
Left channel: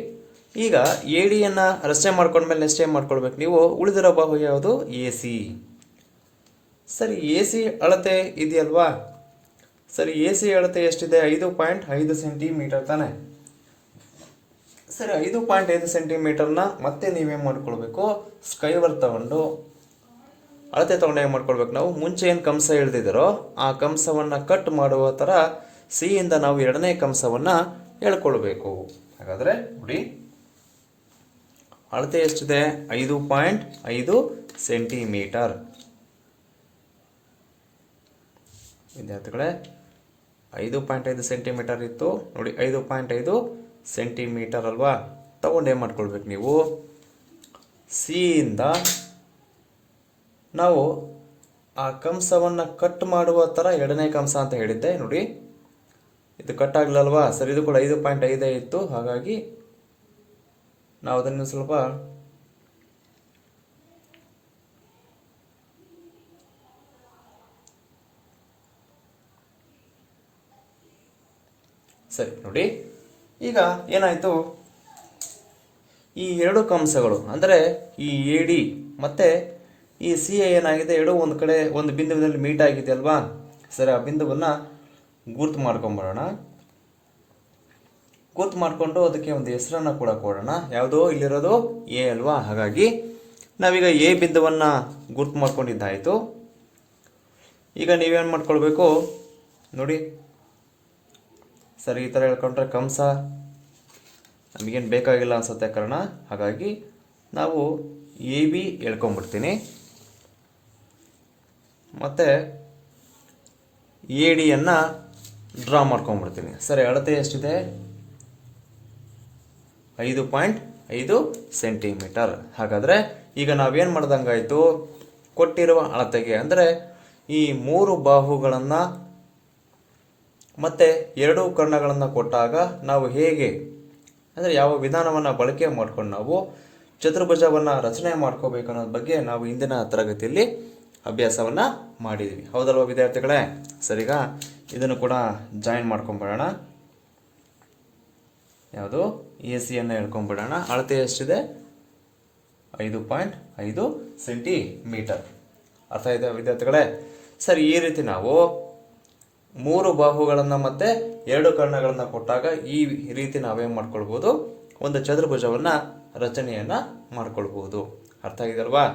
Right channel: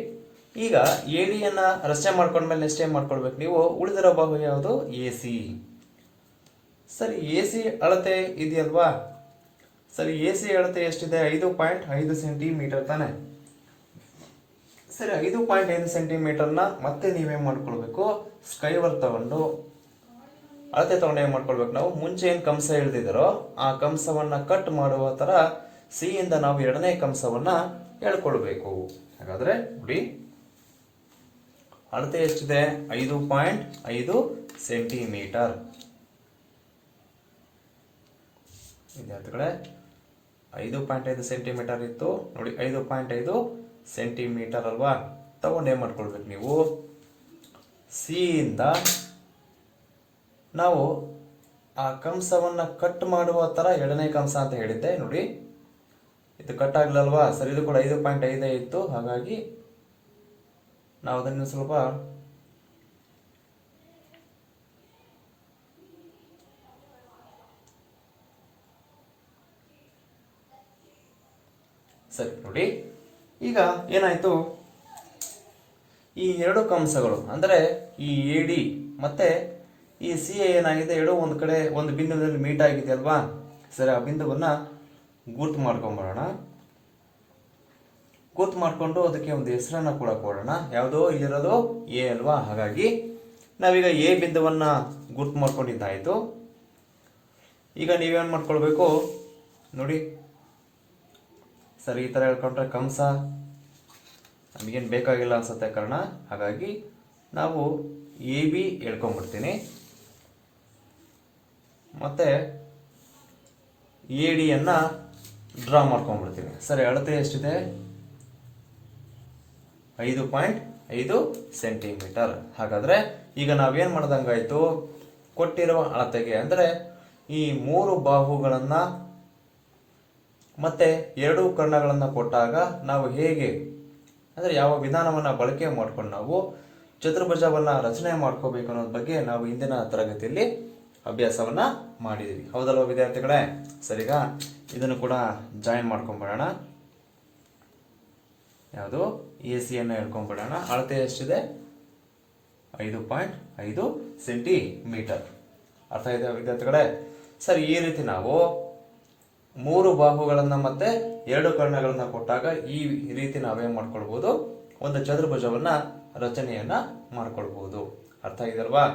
ಈಗ ಎ ಡಿಯನ್ನು ರಚನೆ ಮಾಡ್ಕೊಂಡ್ಮೇಲೆ ನೆಕ್ಸ್ಟ್ ಏನು ಮಾಡ್ಕೊಳ್ಬೇಕು, ನೀವು ಉಳಿದಿರೋ ಬಾಹು ಯಾವುದು, ಎ ಸಿ. ಸರಿ, ಎ ಸಿ ಅಳತೆ ಇದೆಯಲ್ವಾ. ಸರಿ, ಎ ಸಿ ಅಳತೆ ಎಷ್ಟಿದೆ, 5.5 ಸೆಂಟಿಮೀಟರ್ ತಾನೆ. ಸರಿ, 5.5 ಸೆಂಟಿಮೀಟರ್ನ ಮತ್ತೆ ನೀವೇನು ಮಾಡ್ಕೊಳ್ಬೇಕು, ಸ್ಕೈವರ್ ತಗೊಂಡು ಅಳತೆ ತಗೊಂಡು ಏನು ಮಾಡ್ಕೊಳ್ಬೇಕು, ನಾವು ಮುಂಚೆ ಏನು ಕಂಸ ಎಳೆದಿದ್ದಾರೋ ಆ ಕಂಸವನ್ನು ಕಟ್ ಮಾಡುವ ಥರ ಸಿ ಇಂದ ನಾವು ಎರಡನೇ ಕಂಸವನ್ನು ಹೇಳ್ಕೊಳ್ಬೇಕು. ಹಾಗಾದರೆ ನೋಡಿ, ಅಳತೆ ಎಷ್ಟಿದೆ, 5.5 ಸೆಂಟಿಮೀಟರ್. ವಿದ್ಯಾರ್ಥಿಗಳೇ, 5.5 ಸೆಂಟಿಮೀಟರ್ ಇತ್ತು ನೋಡಿ, 5.5 ಸೆಂಟಿಮೀಟರ್ ಅಲ್ವಾ. ತಗೊಂಡು ಏನು ಮಾಡ್ಕೊಳ್ಬೇಕು, ನೀವು ಸಿ ಇಂದ ನಾವು ಆ ಕಂಸವನ್ನು ಕಟ್ ಮಾಡುವ ಥರ ಎರಡನೇ ಕಂಸ ಅಂತ ಹೇಳಿದ್ದೆ. ನೋಡಿ, ಇದು ಕಟ್ ಆಗಲಲ್ವಾ. ಸರಿ, ಇದು ಕೂಡ 5.5 ಇತ್ತು. ಹಾಗಾಗಿ ನಾವು ಅದನ್ನು ಸ್ವಲ್ಪ ಸರಿ ನೋಡಿ, ಈಗ ಏನಾಯ್ತು, ಈ ಎರಡು ಕಂಸಗಳು ಅಂದರೆ ಈ ಎ ಡಿ ಮತ್ತೆ ಈ ಸಿ ಎ ಏನಾಗಿದೆ, ಎರಡು ಒಂದು ಕಡೆ ಒಂದು ಬಿಂದುವಿನಲ್ಲಿ ಮೀಟ್ ಆಗಿದೆ ಅಲ್ವಾ. ಸರಿ, ಆ ಬಿಂದುವನ್ನ ಗುರ್ತು ಮಾಡ್ಕೊಂಡ್ಬರೋಣ. ಗುರ್ತು ಮಾಡಿಕೊಂಡು ಅದಕ್ಕೆ ಒಂದು ಹೆಸರನ್ನ ಕೂಡ ಕೊಡೋಣ. ಯಾವುದೋ ಇಲ್ಲಿರೋದು ಎ ಅಲ್ವಾ, ಹಾಗಾಗಿ ನಾವೀಗ ಎ ಬಿಂದುವನ್ನ ಗುರ್ತು ಮಾಡ್ಕೊಂಡಿದ್ದಾಯಿತು. ಈಗ ನೀವೇನು ಮಾಡ್ಕೊಳ್ಬೇಕು ನೋಡಿ, ಸರಿ ಈ ಥರ ಹೇಳ್ಕೊಂಡ್ರೆ ಕಂಸ ನಮಗೇನು ಬೇಕಾಗಿಲ್ಲ ಅನ್ಸುತ್ತೆ ಕಾರಣ, ಹಾಗಾಗಿ ನಾವು ಎ ಬಿ ಹೇಳ್ಕೊಂಡ್ಬಿಡ್ತೀನಿ. ಮತ್ತು ಎ ಡಿಯನ್ನು ಡ್ರಾ ಮಾಡ್ಕೊಂಡ್ಬಿಡ್ತೀನಿ. ಸರಿ, ಅಳತೆ ಎಷ್ಟಿದೆ, 5.5 ಸೆಂಟಿಮೀಟರ್. ಹಾಗಾದರೆ ಈಗ ನಾವೇನು ಮಾಡ್ದಂಗಾಯಿತು, ಕೊಟ್ಟಿರುವ ಅಳತೆಗೆ ಅಂದರೆ ಈ 3 ಬಾಹುಗಳನ್ನು ಮತ್ತೆ 2 ಕರ್ಣಗಳನ್ನು ಕೊಟ್ಟಾಗ ನಾವು ಹೇಗೆ ಅಂದರೆ ಯಾವ ವಿಧಾನವನ್ನು ಬಳಕೆ ಮಾಡ್ಕೊಂಡು ನಾವು ಚತುರ್ಭುಜವನ್ನು ರಚನೆ ಮಾಡ್ಕೋಬೇಕು ಅನ್ನೋದ್ರ ಬಗ್ಗೆ ನಾವು ಇಂದಿನ ತರಗತಿಯಲ್ಲಿ ಅಭ್ಯಾಸವನ್ನು ಮಾಡಿದ್ದೀವಿ. ಹೌದಲ್ವ ವಿದ್ಯಾರ್ಥಿಗಳೇ? ಸರಿಗ ಇದನ್ನು ಕೂಡ ಜಾಯಿನ್ ಮಾಡ್ಕೊಂಡ್ಬಿಡೋಣ. ಯಾವುದು ಎ ಸಿಯನ್ನು ಹೇಳ್ಕೊಂಡ್ಬಿಡೋಣ. ಅಳತೆ ಎಷ್ಟಿದೆ, 5.5 ಸೆಂಟಿಮೀಟರ್. ಅರ್ಥ ಇದೆ ವಿದ್ಯಾರ್ಥಿಗಳೇ? ಸರಿ, ಈ ರೀತಿ ನಾವು 3 ಬಾಹುಗಳನ್ನು ಮತ್ತೆ 2 ಕರ್ಣಗಳನ್ನು ಕೊಟ್ಟಾಗ ಈ ರೀತಿ ನಾವೇನ್ ಮಾಡ್ಕೊಳ್ಬಹುದು, ಒಂದು ಚತುರ್ಭುಜವನ್ನ ರಚನೆಯನ್ನ ಮಾಡ್ಕೊಳ್ಬಹುದು. ಅರ್ಥ ಆಗಿದಲ್ವಾ?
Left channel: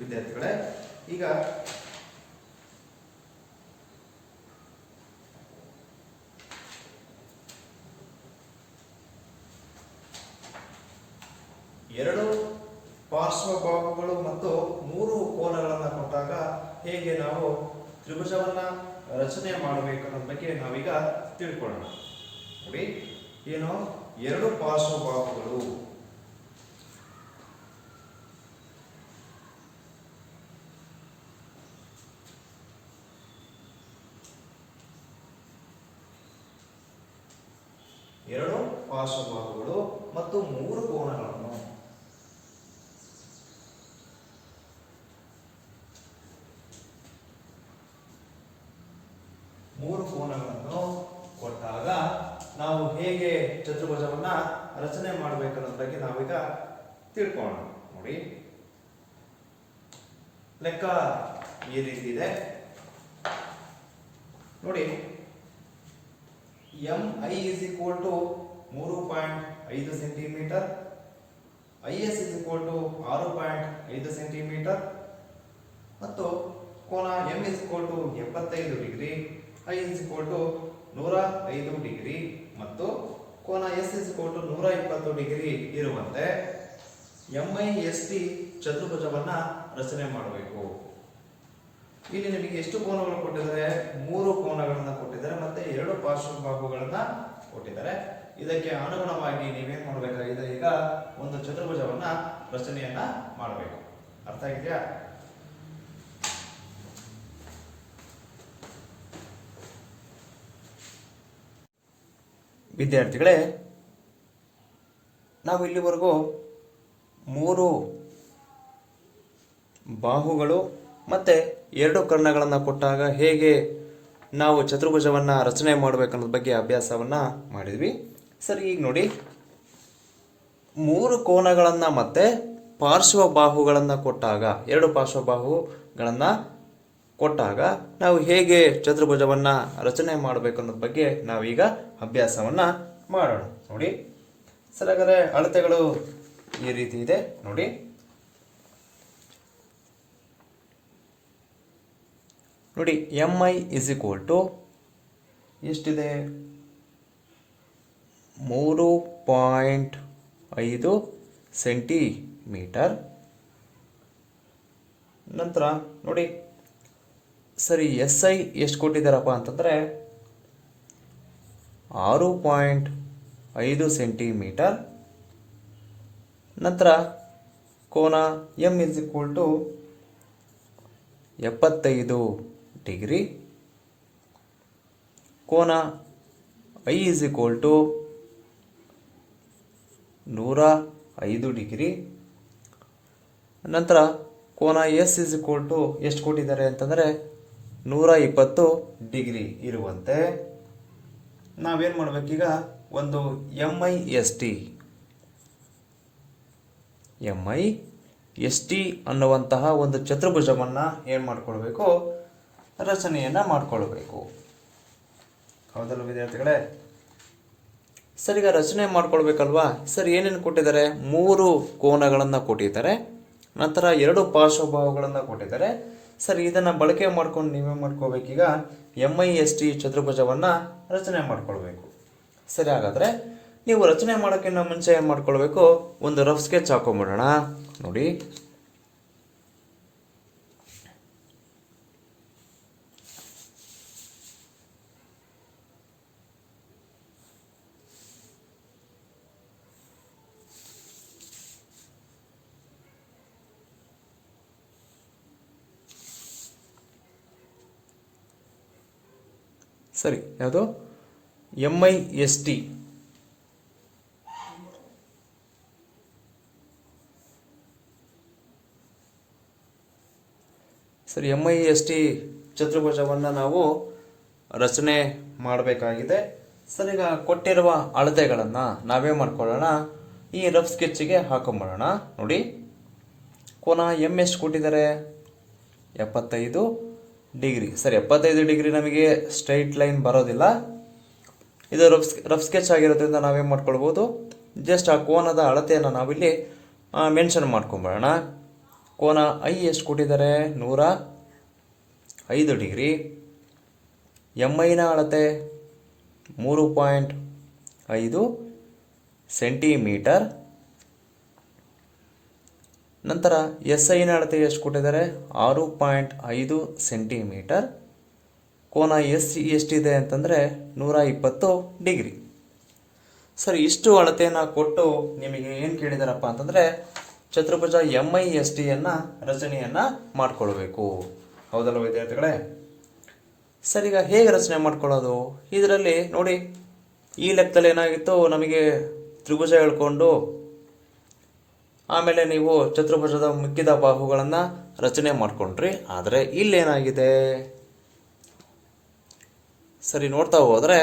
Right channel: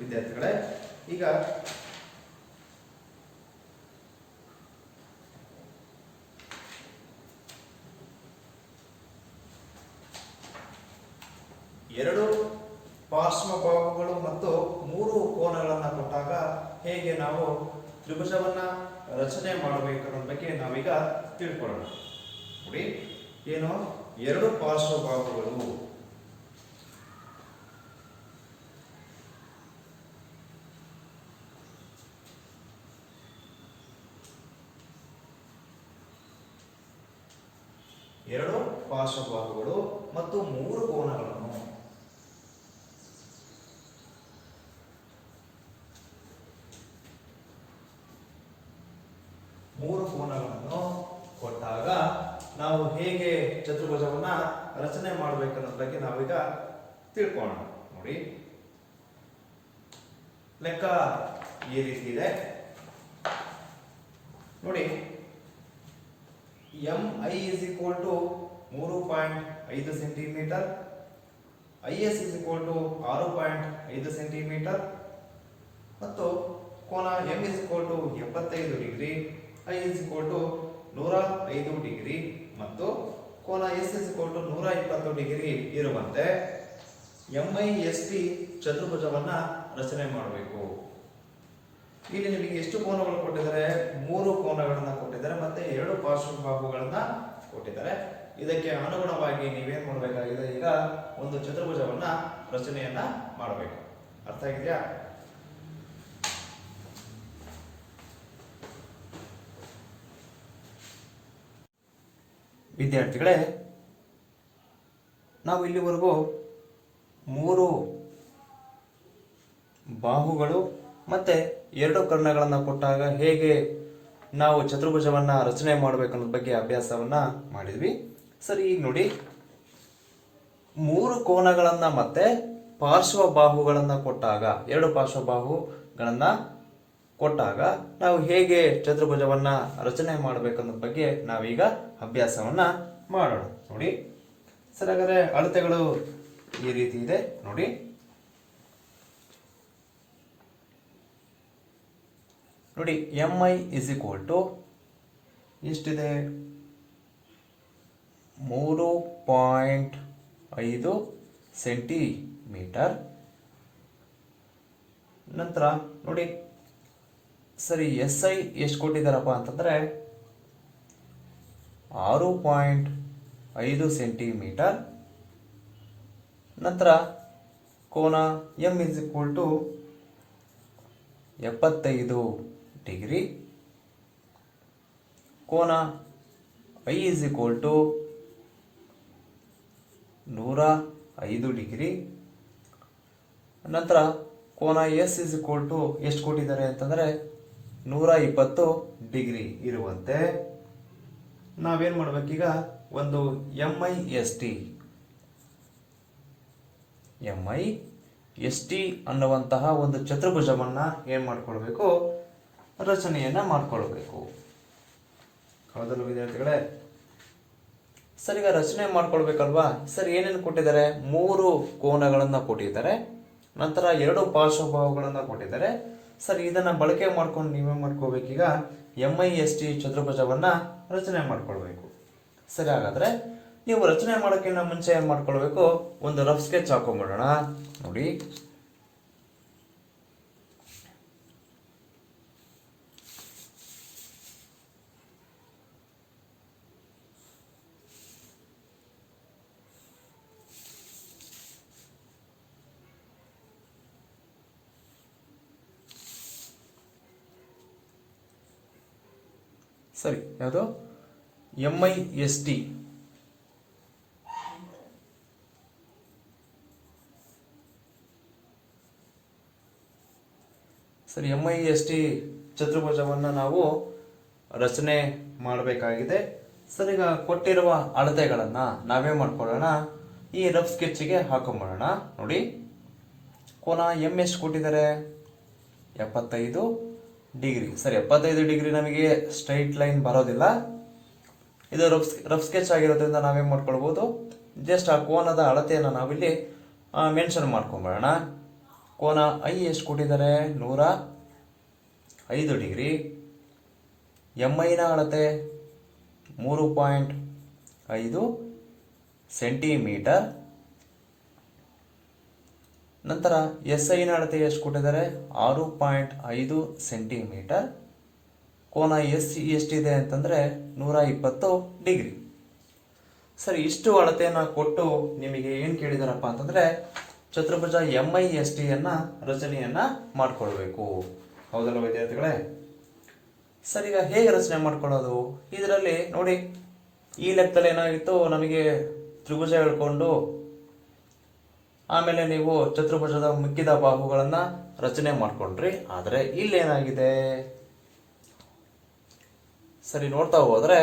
ವಿದ್ಯಾರ್ಥಿಗಳೇ, ಈಗ ಎರಡು ಪಾರ್ಶ್ವಬಾಹುಗಳು ಮತ್ತು 3 ಕೋನಗಳನ್ನು ಕೊಟ್ಟಾಗ ಹೇಗೆ ನಾವು ತ್ರಿಭುಜವನ್ನ ರಚನೆ ಮಾಡಬೇಕು ಅನ್ನೋದ್ರ ಬಗ್ಗೆ ನಾವೀಗ ತಿಳ್ಕೊಳ್ಳೋಣ. ನೋಡಿ, ಏನು, 2 ಪಾರ್ಶ್ವಬಾಹುಗಳು ಮತ್ತು 3 ಕೋನಗಳನ್ನು ಕೊಟ್ಟಾಗ ನಾವು ಹೇಗೆ ಚತುರ್ಭುಜವನ್ನ ರಚನೆ ಮಾಡಬೇಕನ್ನೋದ್ರ ಬಗ್ಗೆ ನಾವೀಗ ತಿಳ್ಕೊಳ್ಳೋಣ. ನೋಡಿ, ಲೆಕ್ಕ ಈ ರೀತಿ ಇದೆ ನೋಡಿ. MI is equal to 3.5 centimetre, IS is equal to 6.5 centimetre ಮತ್ತು ಕೋನ M is equal to 75 degree, I is equal to 105 degree ಮತ್ತು ಕೋನ S is equal to 120 degree ಇರುವಂತೆ MIST ಚತುರ್ಭುಜವನ್ನ ರಚನೆ ಮಾಡಬೇಕು. ಇಲ್ಲಿ ನಿಮಗೆ ಎಷ್ಟು ಕೋನಗಳು ಕೊಟ್ಟಿದ್ದಾರೆ, 3 ಕೋನಗಳನ್ನು ಕೊಟ್ಟಿದ್ದಾರೆ ಮತ್ತೆ 2 ಪಾರ್ಶ್ವಬಾಹುಗಳನ್ನ ಕೊಟ್ಟಿದ್ದಾರೆ. ಇದಕ್ಕೆ ಅನುಗುಣವಾಗಿ ನೀವೇನ್ ಮಾಡಬೇಕಾಗಿದೆ, ಈಗ ಒಂದು ಚತುರ್ಭುಜವನ್ನ ರಚನೆಯನ್ನ ಮಾಡಬೇಕು. ಅರ್ಥ ಆಗಿದೆಯಾ? ವಿದ್ಯಾರ್ಥಿಗಳೇ, ನಾವು ಇಲ್ಲಿವರೆಗೂ 3 ಬಾಹುಗಳು ಮತ್ತೆ 2 ಕರ್ಣಗಳನ್ನು ಕೊಟ್ಟಾಗ ಹೇಗೆ ನಾವು ಚತುರ್ಭುಜವನ್ನ ರಚನೆ ಮಾಡಬೇಕನ್ನೋದ್ರ ಬಗ್ಗೆ ಅಭ್ಯಾಸವನ್ನ ಮಾಡಿದ್ವಿ. ಸರಿ, ಈಗ ನೋಡಿ, 3 ಕೋನಗಳನ್ನ ಮತ್ತೆ ಪಾರ್ಶ್ವಬಾಹುಗಳನ್ನ ಕೊಟ್ಟಾಗ 2 ಪಾರ್ಶ್ವಬಾಹುಗಳನ್ನ ಕೊಟ್ಟಾಗ ನಾವು ಹೇಗೆ ಚತುರ್ಭುಜವನ್ನ ರಚನೆ ಮಾಡಬೇಕನ್ನೋದ್ರ ಬಗ್ಗೆ ನಾವೀಗ ಅಭ್ಯಾಸವನ್ನ ಮಾಡೋಣ. ನೋಡಿ ಸರಿ, ಹಾಗಾದ್ರೆ ಅಳತೆಗಳು ಈ ರೀತಿ ಇದೆ ನೋಡಿ. ನೋಡಿ, MI is equal to ಎಷ್ಟಿದೆ, 3.5 ಸೆಂಟಿಮೀಟರ್ ನಂತರ ನೋಡಿ ಸರಿ ಎಸ್ ಐ ಎಷ್ಟು ಕೊಟ್ಟಿದ್ದಾರಪ್ಪ ಅಂತಂದರೆ 6.5 ಸೆಂಟಿಮೀಟರ್. ನಂತರ ಕೋನ M is equal to 75 degree. ಕೋನ I is equal to 105 degree. ನಂತರ ಕೋನ ಎಸ್ ಇಸ್ ಈಕ್ವಲ್ ಟು ಎಷ್ಟು ಕೊಟ್ಟಿದ್ದಾರೆ ಅಂತಂದರೆ 120 ಡಿಗ್ರಿ ಇರುವಂತೆ ನಾವೇನು ಮಾಡಬೇಕೀಗ, ಒಂದು ಎಮ್ ಐ ಎಸ್ ಟಿ ಅನ್ನುವಂತಹ ಒಂದು ಚತುರ್ಭುಜವನ್ನು ಏನು ಮಾಡ್ಕೊಳ್ಬೇಕು, ರಚನೆಯನ್ನು ಮಾಡ್ಕೊಳ್ಬೇಕು. ಹೌದಲ್ಲ ವಿದ್ಯಾರ್ಥಿಗಳೇ? ಸರ್ ಈಗ ರಚನೆ ಮಾಡ್ಕೊಳ್ಬೇಕಲ್ವಾ? ಸರ್ ಏನೇನು ಕೊಟ್ಟಿದ್ದಾರೆ? 3 ಕೋನಗಳನ್ನು ಕೊಟ್ಟಿದ್ದಾರೆ, ನಂತರ 2 ಪಾರ್ಶ್ವಭಾವಗಳನ್ನು ಕೊಟ್ಟಿದ್ದಾರೆ. ಸರ್ ಇದನ್ನು ಬಳಕೆ ಮಾಡ್ಕೊಂಡು ನೀವೇ ಮಾಡ್ಕೋಬೇಕೀಗ ಎಮ್ ಐ ಎಸ್ ಟಿ ಚತುರ್ಭುಜವನ್ನು ರಚನೆ ಮಾಡ್ಕೊಳ್ಬೇಕು. ಸರಿ, ಹಾಗಾದರೆ ನೀವು ರಚನೆ ಮಾಡೋಕ್ಕಿಂತ ಮುಂಚೆ ಏನು ಮಾಡ್ಕೊಳ್ಬೇಕು, ಒಂದು ರಫ್ ಸ್ಕೆಚ್ ಹಾಕೊಂಡ್ಬಿಡೋಣ. ನೋಡಿ, ಸರಿ, ಯಾವುದು ಎಮ್ ಐ ಎಸ್ ಟಿ. ಸರಿ, ಎಮ್ ಐ ಎಸ್ ಟಿ ಚತುರ್ಭುಜವನ್ನು ನಾವು ರಚನೆ ಮಾಡಬೇಕಾಗಿದೆ. ಸರ್ ಈಗ ಕೊಟ್ಟಿರುವ ಅಳತೆಗಳನ್ನು ನಾವೇ ಮಾಡ್ಕೊಳ್ಳೋಣ, ಈ ರಫ್ ಸ್ಕೆಚ್ಗೆ ಹಾಕೊಂಬಿಡೋಣ. ನೋಡಿ, ಕೋನ ಎಮ್ ಎಷ್ಟು ಕೊಟ್ಟಿದ್ದಾರೆ? 75 ಡಿಗ್ರಿ. ಸರಿ, 75 ಡಿಗ್ರಿ ನಮಗೆ ಸ್ಟ್ರೈಟ್ ಲೈನ್ ಬರೋದಿಲ್ಲ, ಇದು ರಫ್ ಸ್ಕೆಚ್ ಆಗಿರೋದ್ರಿಂದ ನಾವೇನು ಮಾಡ್ಕೊಳ್ಬೋದು, ಜಸ್ಟ್ ಆ ಕೋನದ ಅಳತೆಯನ್ನು ನಾವಿಲ್ಲಿ ಮೆನ್ಷನ್ ಮಾಡ್ಕೊಂಬಿಡೋಣ. ಕೋನ ಐ ಎಷ್ಟು ಕೊಟ್ಟಿದ್ದಾರೆ? 105 ಡಿಗ್ರಿ. ಎಮ್ ಐನ ಅಳತೆ 3.5 ಸೆಂಟಿಮೀಟರ್. ನಂತರ ಎಸ್ ಐನ ಅಳತೆ ಎಷ್ಟು ಕೊಟ್ಟಿದ್ದಾರೆ? 6.5 ಸೆಂಟಿಮೀಟರ್. ಕೋನ ಎಷ್ಟಿದೆ ಅಂತಂದರೆ 120 ಡಿಗ್ರಿ. ಸರಿ, ಇಷ್ಟು ಅಳತೆಯನ್ನು ಕೊಟ್ಟು ನಿಮಗೆ ಏನು ಕೇಳಿದಾರಪ್ಪ ಅಂತಂದರೆ ಚತುರ್ಭುಜ ಎಮ್ ಐ ಎಸ್ ಟಿಯನ್ನು ರಚನೆಯನ್ನು ಮಾಡ್ಕೊಳ್ಬೇಕು. ಹೌದಲ್ಲ ವಿದ್ಯಾರ್ಥಿಗಳೇ? ಸರಿ, ಈಗ ಹೇಗೆ ರಚನೆ ಮಾಡ್ಕೊಳ್ಳೋದು? ಇದರಲ್ಲಿ ನೋಡಿ, ಈ ಲೆಕ್ಕದಲ್ಲಿ ಏನಾಗಿತ್ತು, ನಮಗೆ ತ್ರಿಭುಜ ಹೇಳ್ಕೊಂಡು ಆಮೇಲೆ ನೀವು ಚತುರ್ಭುಜದ ಮಿಕ್ಕಿದ ಬಾಹುಗಳನ್ನು ರಚನೆ ಮಾಡ್ಕೊಂಡ್ರಿ. ಆದರೆ ಇಲ್ಲೇನಾಗಿದೆ, ಸರಿ ನೋಡ್ತಾ ಹೋದರೆ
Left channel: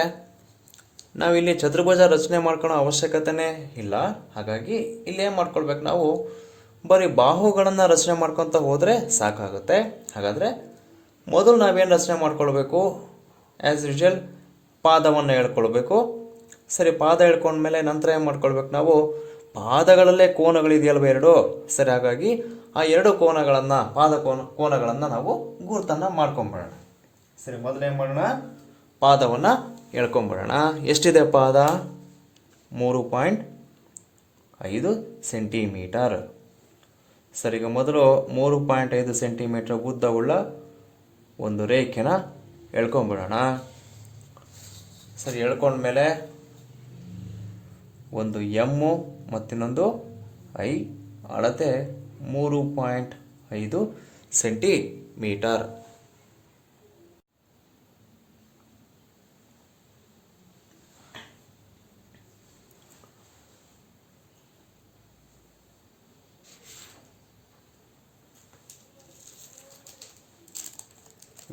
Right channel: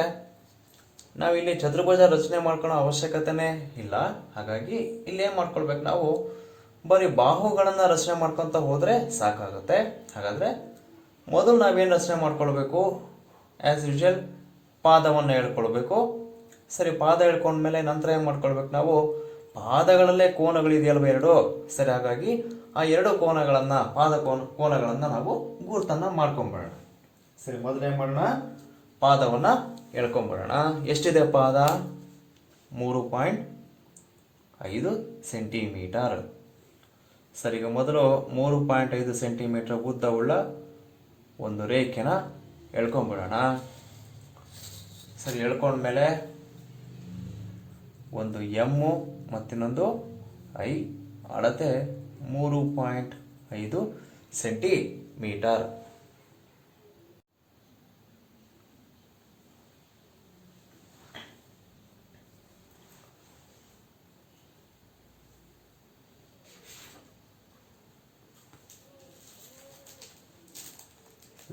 ನಾವಿಲ್ಲಿ ಚತುರ್ಭುಜ ರಚನೆ ಮಾಡ್ಕೊಳ್ಳೋ ಅವಶ್ಯಕತೆನೇ ಇಲ್ಲ. ಹಾಗಾಗಿ ಇಲ್ಲೇನು ಮಾಡ್ಕೊಳ್ಬೇಕು, ನಾವು ಬರೀ ಬಾಹುಗಳನ್ನು ರಚನೆ ಮಾಡ್ಕೊತ ಹೋದರೆ ಸಾಕಾಗುತ್ತೆ. ಹಾಗಾದರೆ ಮೊದಲು ನಾವೇನು ರಚನೆ ಮಾಡ್ಕೊಳ್ಬೇಕು, ಆ್ಯಸ್ ಯೂಶುವಲ್ ಪಾದವನ್ನು ಹೇಳ್ಕೊಳ್ಬೇಕು. ಸರಿ, ಪಾದ ಹೇಳ್ಕೊಂಡ್ಮೇಲೆ ನಂತರ ಏನು ಮಾಡ್ಕೊಳ್ಬೇಕು, ನಾವು ಪಾದಗಳಲ್ಲೇ ಕೋನಗಳಿದೆಯಲ್ವ 2. ಸರಿ, ಹಾಗಾಗಿ ಆ 2 ಕೋನಗಳನ್ನು, ಕೋನಗಳನ್ನು ನಾವು ಗುರುತನ್ನು ಮಾಡ್ಕೊಂಬಿಡೋಣ. ಸರಿ, ಮೊದಲೇನು ಮಾಡೋಣ, ಪಾದವನ್ನು ಹೇಳ್ಕೊಂಬಿಡೋಣ. ಎಷ್ಟಿದೆ ಪಾದ? 3.5 ಸೆಂಟಿಮೀಟರ್. ಸರಿ, ಈಗ ಮೊದಲು 3.5 ಸೆಂಟಿಮೀಟರ್ ಉದ್ದವುಳ್ಳ ಒಂದು ರೇಖೆನ ಎಳ್ಕೊಂಬಿಡೋಣ. ಸರಿ, ಎಳ್ಕೊಂಡ್ಮೇಲೆ ಒಂದು ಎಮ್ಮು ಮತ್ತಿನ್ನೊಂದು ಐ, ಅಳತೆ 3.5 ಸೆಂಟಿಮೀಟರ್.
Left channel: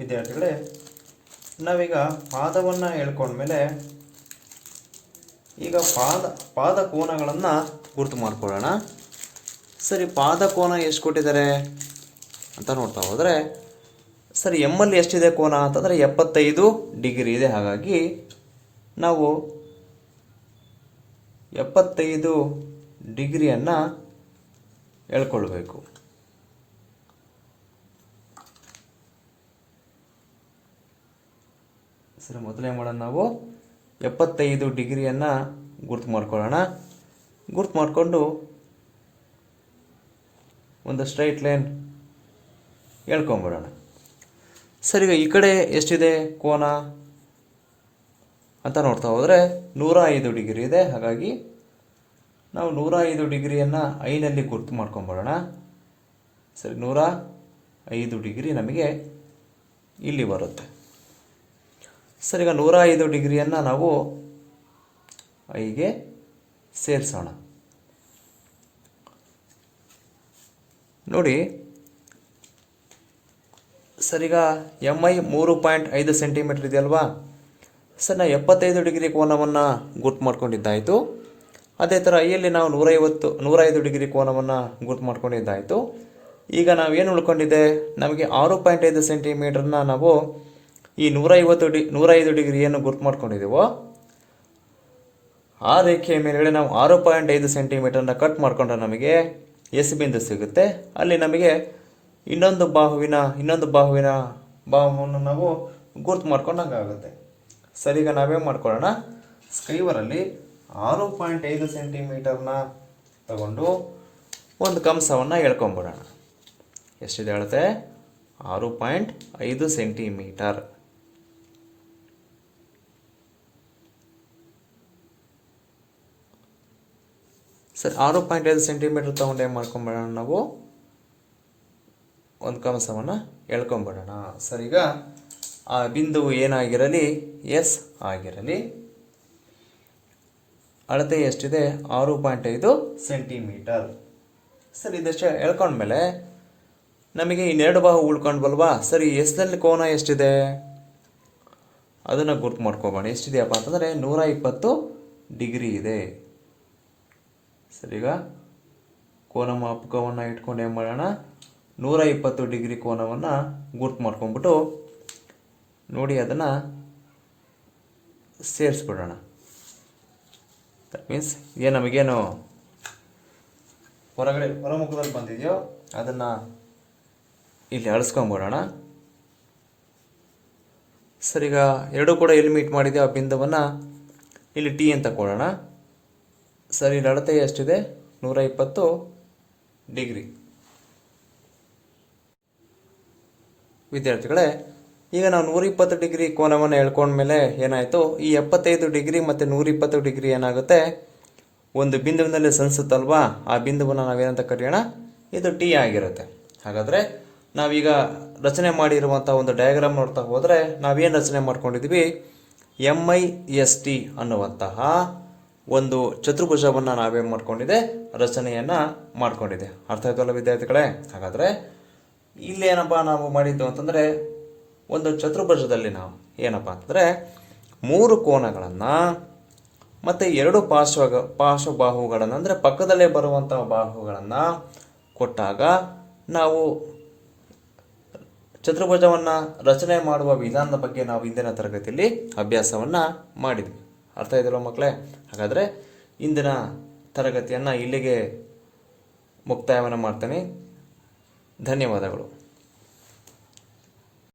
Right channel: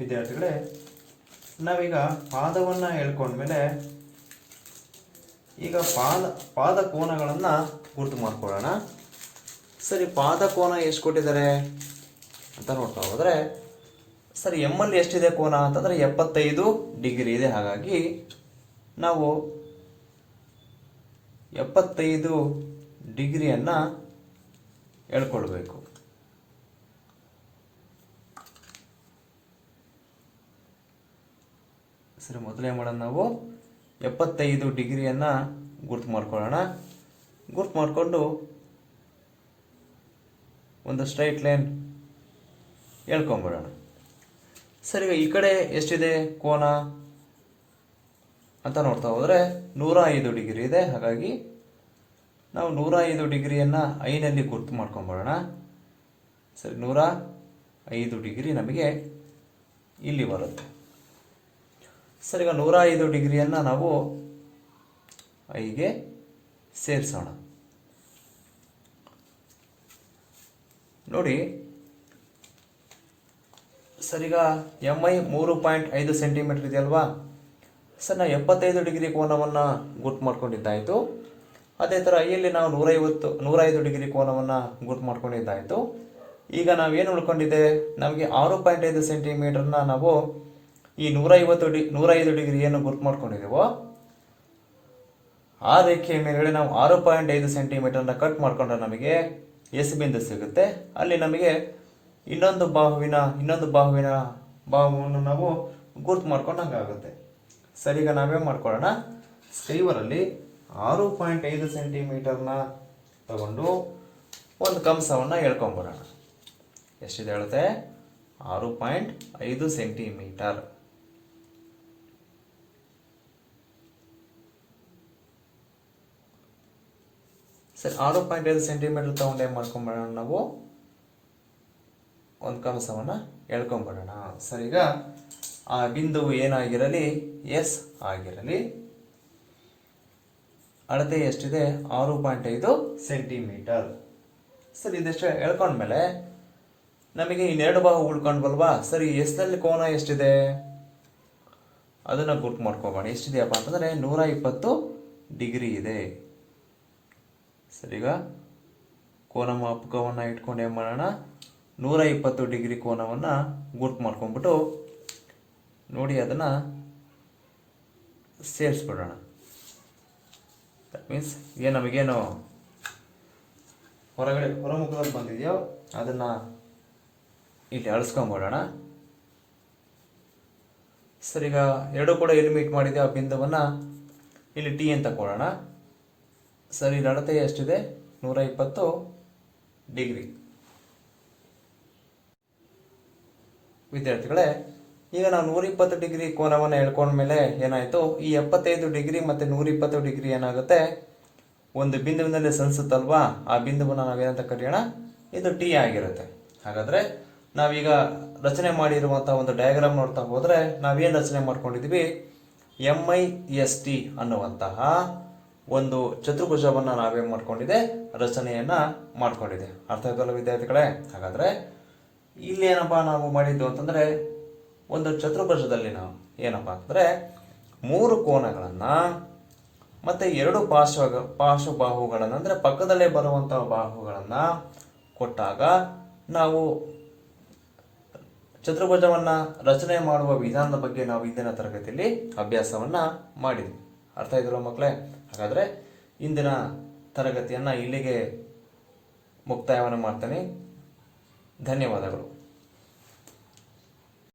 ವಿದ್ಯಾರ್ಥಿಗಳೇ, ನಾವೀಗ ಪಾದವನ್ನು ಹೇಳ್ಕೊಂಡ್ಮೇಲೆ ಈಗ ಪಾದ ಕೋನಗಳನ್ನು ಗುರುತು ಮಾಡ್ಕೊಳ್ಳೋಣ. ಸರಿ, ಪಾದ ಕೋನ ಎಷ್ಟು ಕೊಟ್ಟಿದ್ದಾರೆ ಅಂತ ನೋಡ್ತಾ ಹೋದರೆ, ಸರಿ ಎಮ್ಮಲ್ಲಿ ಎಷ್ಟಿದೆ ಕೋನ ಅಂತಂದರೆ 75 ಡಿಗ್ರಿ ಇದೆ. ಹಾಗಾಗಿ ನಾವು 75 ಡಿಗ್ರಿಯನ್ನು ಹೇಳ್ಕೊಳ್ಬೇಕು. ಸರಿ, ಮೊದಲೇ ಮಾಡೋಣ, ನಾವು 75 ಡಿಗ್ರಿಯನ್ನು ಗುರ್ತು ಮಾಡ್ಕೊಳ್ಳೋಣ. ಗುರ್ತು ಮಾಡಿಕೊಂಡು ಒಂದು ಸ್ಟ್ರೈಟ್ ಲೈನ್ ಹೇಳ್ಕೊಂಬಿಡೋಣ. ಸರಿ, ಈಗ ಈ ಕಡೆ ಎಷ್ಟಿದೆ ಕೋನ ಅಂತ ನೋಡ್ತಾ ಹೋದರೆ 105 ಡಿಗ್ರಿ ಇದೆ. ಹಾಗಾಗಿ ನಾವು 105 ಡಿಗ್ರಿಯನ್ನು ಐನಲ್ಲಿ ಗುರ್ತು ಮಾಡ್ಕೊಂಬಿಡೋಣ. ಸರಿ, 105 ಡಿಗ್ರಿ ನಮಗೆ ಇಲ್ಲಿ ಬರುತ್ತೆ. ಸರಿ, ಈಗ 105 ಡಿಗ್ರಿಯನ್ನು ನಾವು ಐಗೆ ಸೇರಿಸೋಣ. ನೋಡಿ ಸರಿಗ ಎಮ್ ಐ 3.5 ಸೆಂಟಿಮೀಟರ್ ಇದೆಯಲ್ವಾ. ಸರ್, ನಾವು 75 ಡಿಗ್ರಿ ಕೋನವನ್ನು ಗುರ್ತು ಮಾಡ್ಕೊಂಡಿದ್ದಾಯಿತು. ಅದೇ ಥರ ಐಯಲ್ಲಿ ನಾವು 105 ಡಿಗ್ರಿ ಕೋನವನ್ನು ಗುರ್ತು ಮಾಡ್ಕೊಂಡಿದ್ದಾಯಿತು. ಈಗ ನಾವೇನು ಉಳ್ಕೊಂಡಿದೆ, ನಮಗೆ 6.5 ಸೆಂಟಿಮೀಟರ್ನ ನಾವು ಈ 105 ಡಿಗ್ರಿಯನ್ನು ಗುರ್ತು ಮಾಡ್ಕೊಂಡಿದ್ದೀವೋ ಆ ರೇಖೆಯ ಮೇಲ್ಗಡೆ ನಾವು 6.5 ಸೆಂಟಿಮೀಟರ್ನ ಕಟ್ ಮಾಡಿಕೊಂಡ್ರೆ ನಮಗೆ ಎಸ್ ಬಿಂದು ಸಿಗುತ್ತೆ. ಅಲ್ಲಿ ನಮಗೆ ಇನ್ನೊಂದು ಬಾಹುವನ್ನು ನಾವು ಗುರ್ತು ಮಾಡ್ಕೊಂಡಂಗಾಗುತ್ತೆ. ಸರಿ, ಈಗ ನಾವೇನು ಮಾಡ್ಕೊಳ್ಳೋಣ, ಸ್ಕ್ರೀವರಲ್ಲಿ 6.5 ಸೆಂಟಿಮೀಟರ್ನ ತಗೊಂಡು ಒಂದು ಕಂಸವನ್ನು ಎಳ್ಕೊಂಬಿಡೋಣ. ಎಷ್ಟಿದೆ ಹೇಳುತ್ತೆ, 6.5 ಸೆಂಟಿಮೀಟರ್. ಸರಿ, 6.5 ಸೆಂಟಿಮೀಟರ್ ತಗೊಂಡು ಏನು ಮಾಡ್ಕೊಂಬಿಡೋಣ, ನಾವು ಒಂದು ಕಂಸವನ್ನು ಎಳ್ಕೊಂಬಿಡೋಣ. ಸರಿ, ಈಗ ಆ ಬಿಂದುವು ಏನಾಗಿರಲಿ, ಎಸ್ ಆಗಿರಲಿ. ಅಳತೆ ಎಷ್ಟಿದೆ, 6.5 ಸೆಂಟಿಮೀಟರ್. ಸರಿ, ಇದೆಷ್ಟು ಎಳ್ಕೊಂಡ್ಮೇಲೆ ನಮಗೆ ಇನ್ನೆರಡು ಬಾಹು ಉಳ್ಕೊಂಡ್ಬಲ್ವಾ. ಸರಿ, ಎಸ್ನಲ್ಲಿ ಕೋನ ಎಷ್ಟಿದೆ ಅದನ್ನು ಗುರ್ತು ಮಾಡ್ಕೊಬೋಣ. ಎಷ್ಟಿದೆಯಪ್ಪ ಅಂತಂದರೆ 120 ಡಿಗ್ರಿ ಇದೆ. ಸರಿ, ಈಗ ಕೋನ ಮಾಪಕವನ್ನು ಇಟ್ಕೊಂಡು ಏನು ಮಾಡೋಣ, 120 ಡಿಗ್ರಿ ಕೋನವನ್ನು ಗುರ್ತು ಮಾಡ್ಕೊಂಡ್ಬಿಟ್ಟು ನೋಡಿ ಅದನ್ನು ಸೇರಿಸ್ಬಿಡೋಣ. ದಟ್ ಮೀನ್ಸ್ ಏನು ನಮಗೇನು ಹೊರಮುಖದಲ್ಲಿ ಬಂದಿದೆಯೋ ಅದನ್ನು ಇಲ್ಲಿ ಅಳಿಸ್ಕೊಂಡ್ಬಿಡೋಣ. ಸರಿ, ಈಗ ಎರಡೂ ಕೂಡ ಎಲ್ಲಿ ಮೀಟ್ ಮಾಡಿದೆಯೋ ಆ ಬಿಂದುವನ್ನು ಇಲ್ಲಿ ಟಿ ಅಂತ ಕೊಡೋಣ. ಸರಿ, ಇಲ್ಲಿ ಅಳತೆ ಎಷ್ಟಿದೆ, 120 ಡಿಗ್ರಿ. ವಿದ್ಯಾರ್ಥಿಗಳೇ, ಈಗ ನಾವು 120 ಡಿಗ್ರಿ ಕೋನವನ್ನು ಎಳ್ಕೊಂಡ್ಮೇಲೆ ಏನಾಯಿತು, ಈ 75 ಡಿಗ್ರಿ ಮತ್ತು 120 ಡಿಗ್ರಿ ಏನಾಗುತ್ತೆ, ಒಂದು ಬಿಂದುವಿನಲ್ಲಿ ಸಣಿಸುತ್ತಲ್ವಾ, ಆ ಬಿಂದುವನ್ನು ನಾವೇನಂತ ಕರೆಯೋಣ, ಇದು ಟಿ ಆಗಿರುತ್ತೆ. ಹಾಗಾದರೆ ನಾವೀಗ ರಚನೆ ಮಾಡಿರುವಂಥ ಒಂದು ಡಯಾಗ್ರಾಮ್ ನೋಡ್ತಾ ಹೋದರೆ ನಾವೇನು ರಚನೆ ಮಾಡ್ಕೊಂಡಿದ್ದೀವಿ, MIST ಅನ್ನುವಂತಹ ಒಂದು ಚತುರ್ಭುಜವನ್ನು ನಾವೇನು ಮಾಡ್ಕೊಂಡಿದೆ, ರಚನೆಯನ್ನು ಮಾಡ್ಕೊಂಡಿದೆ. ಅರ್ಥ ಆಯ್ತಲ್ಲ ವಿದ್ಯಾರ್ಥಿಗಳೇ? ಹಾಗಾದರೆ ಇಲ್ಲಿ ಏನಪ್ಪ ನಾವು ಮಾಡಿದ್ದು ಅಂತಂದರೆ, ಒಂದು ಚತುರ್ಭುಜದಲ್ಲಿ ನಾವು ಏನಪ್ಪ ಅಂತಂದರೆ 3 ಕೋನಗಳನ್ನು ಮತ್ತು 2 ಪಾರ್ಶ್ವಬಾಹುಗಳನ್ನು, ಅಂದರೆ ಪಕ್ಕದಲ್ಲೇ ಬರುವಂಥ ಬಾಹುಗಳನ್ನು ಕೊಟ್ಟಾಗ ನಾವು ಚತುರ್ಭುಜವನ್ನು ರಚನೆ ಮಾಡುವ ವಿಧಾನದ ಬಗ್ಗೆ ನಾವು ಇಂದಿನ ತರಗತಿಯಲ್ಲಿ ಅಭ್ಯಾಸವನ್ನು ಮಾಡಿದ್ವಿ. ಅರ್ಥ ಆಯ್ತಲ್ಲ ಮಕ್ಕಳೇ? ಹಾಗಾದರೆ ಇಂದಿನ ತರಗತಿಯನ್ನು ಇಲ್ಲಿಗೆ ಮುಕ್ತಾಯವನ್ನು ಮಾಡ್ತೇನೆ. ಧನ್ಯವಾದಗಳು.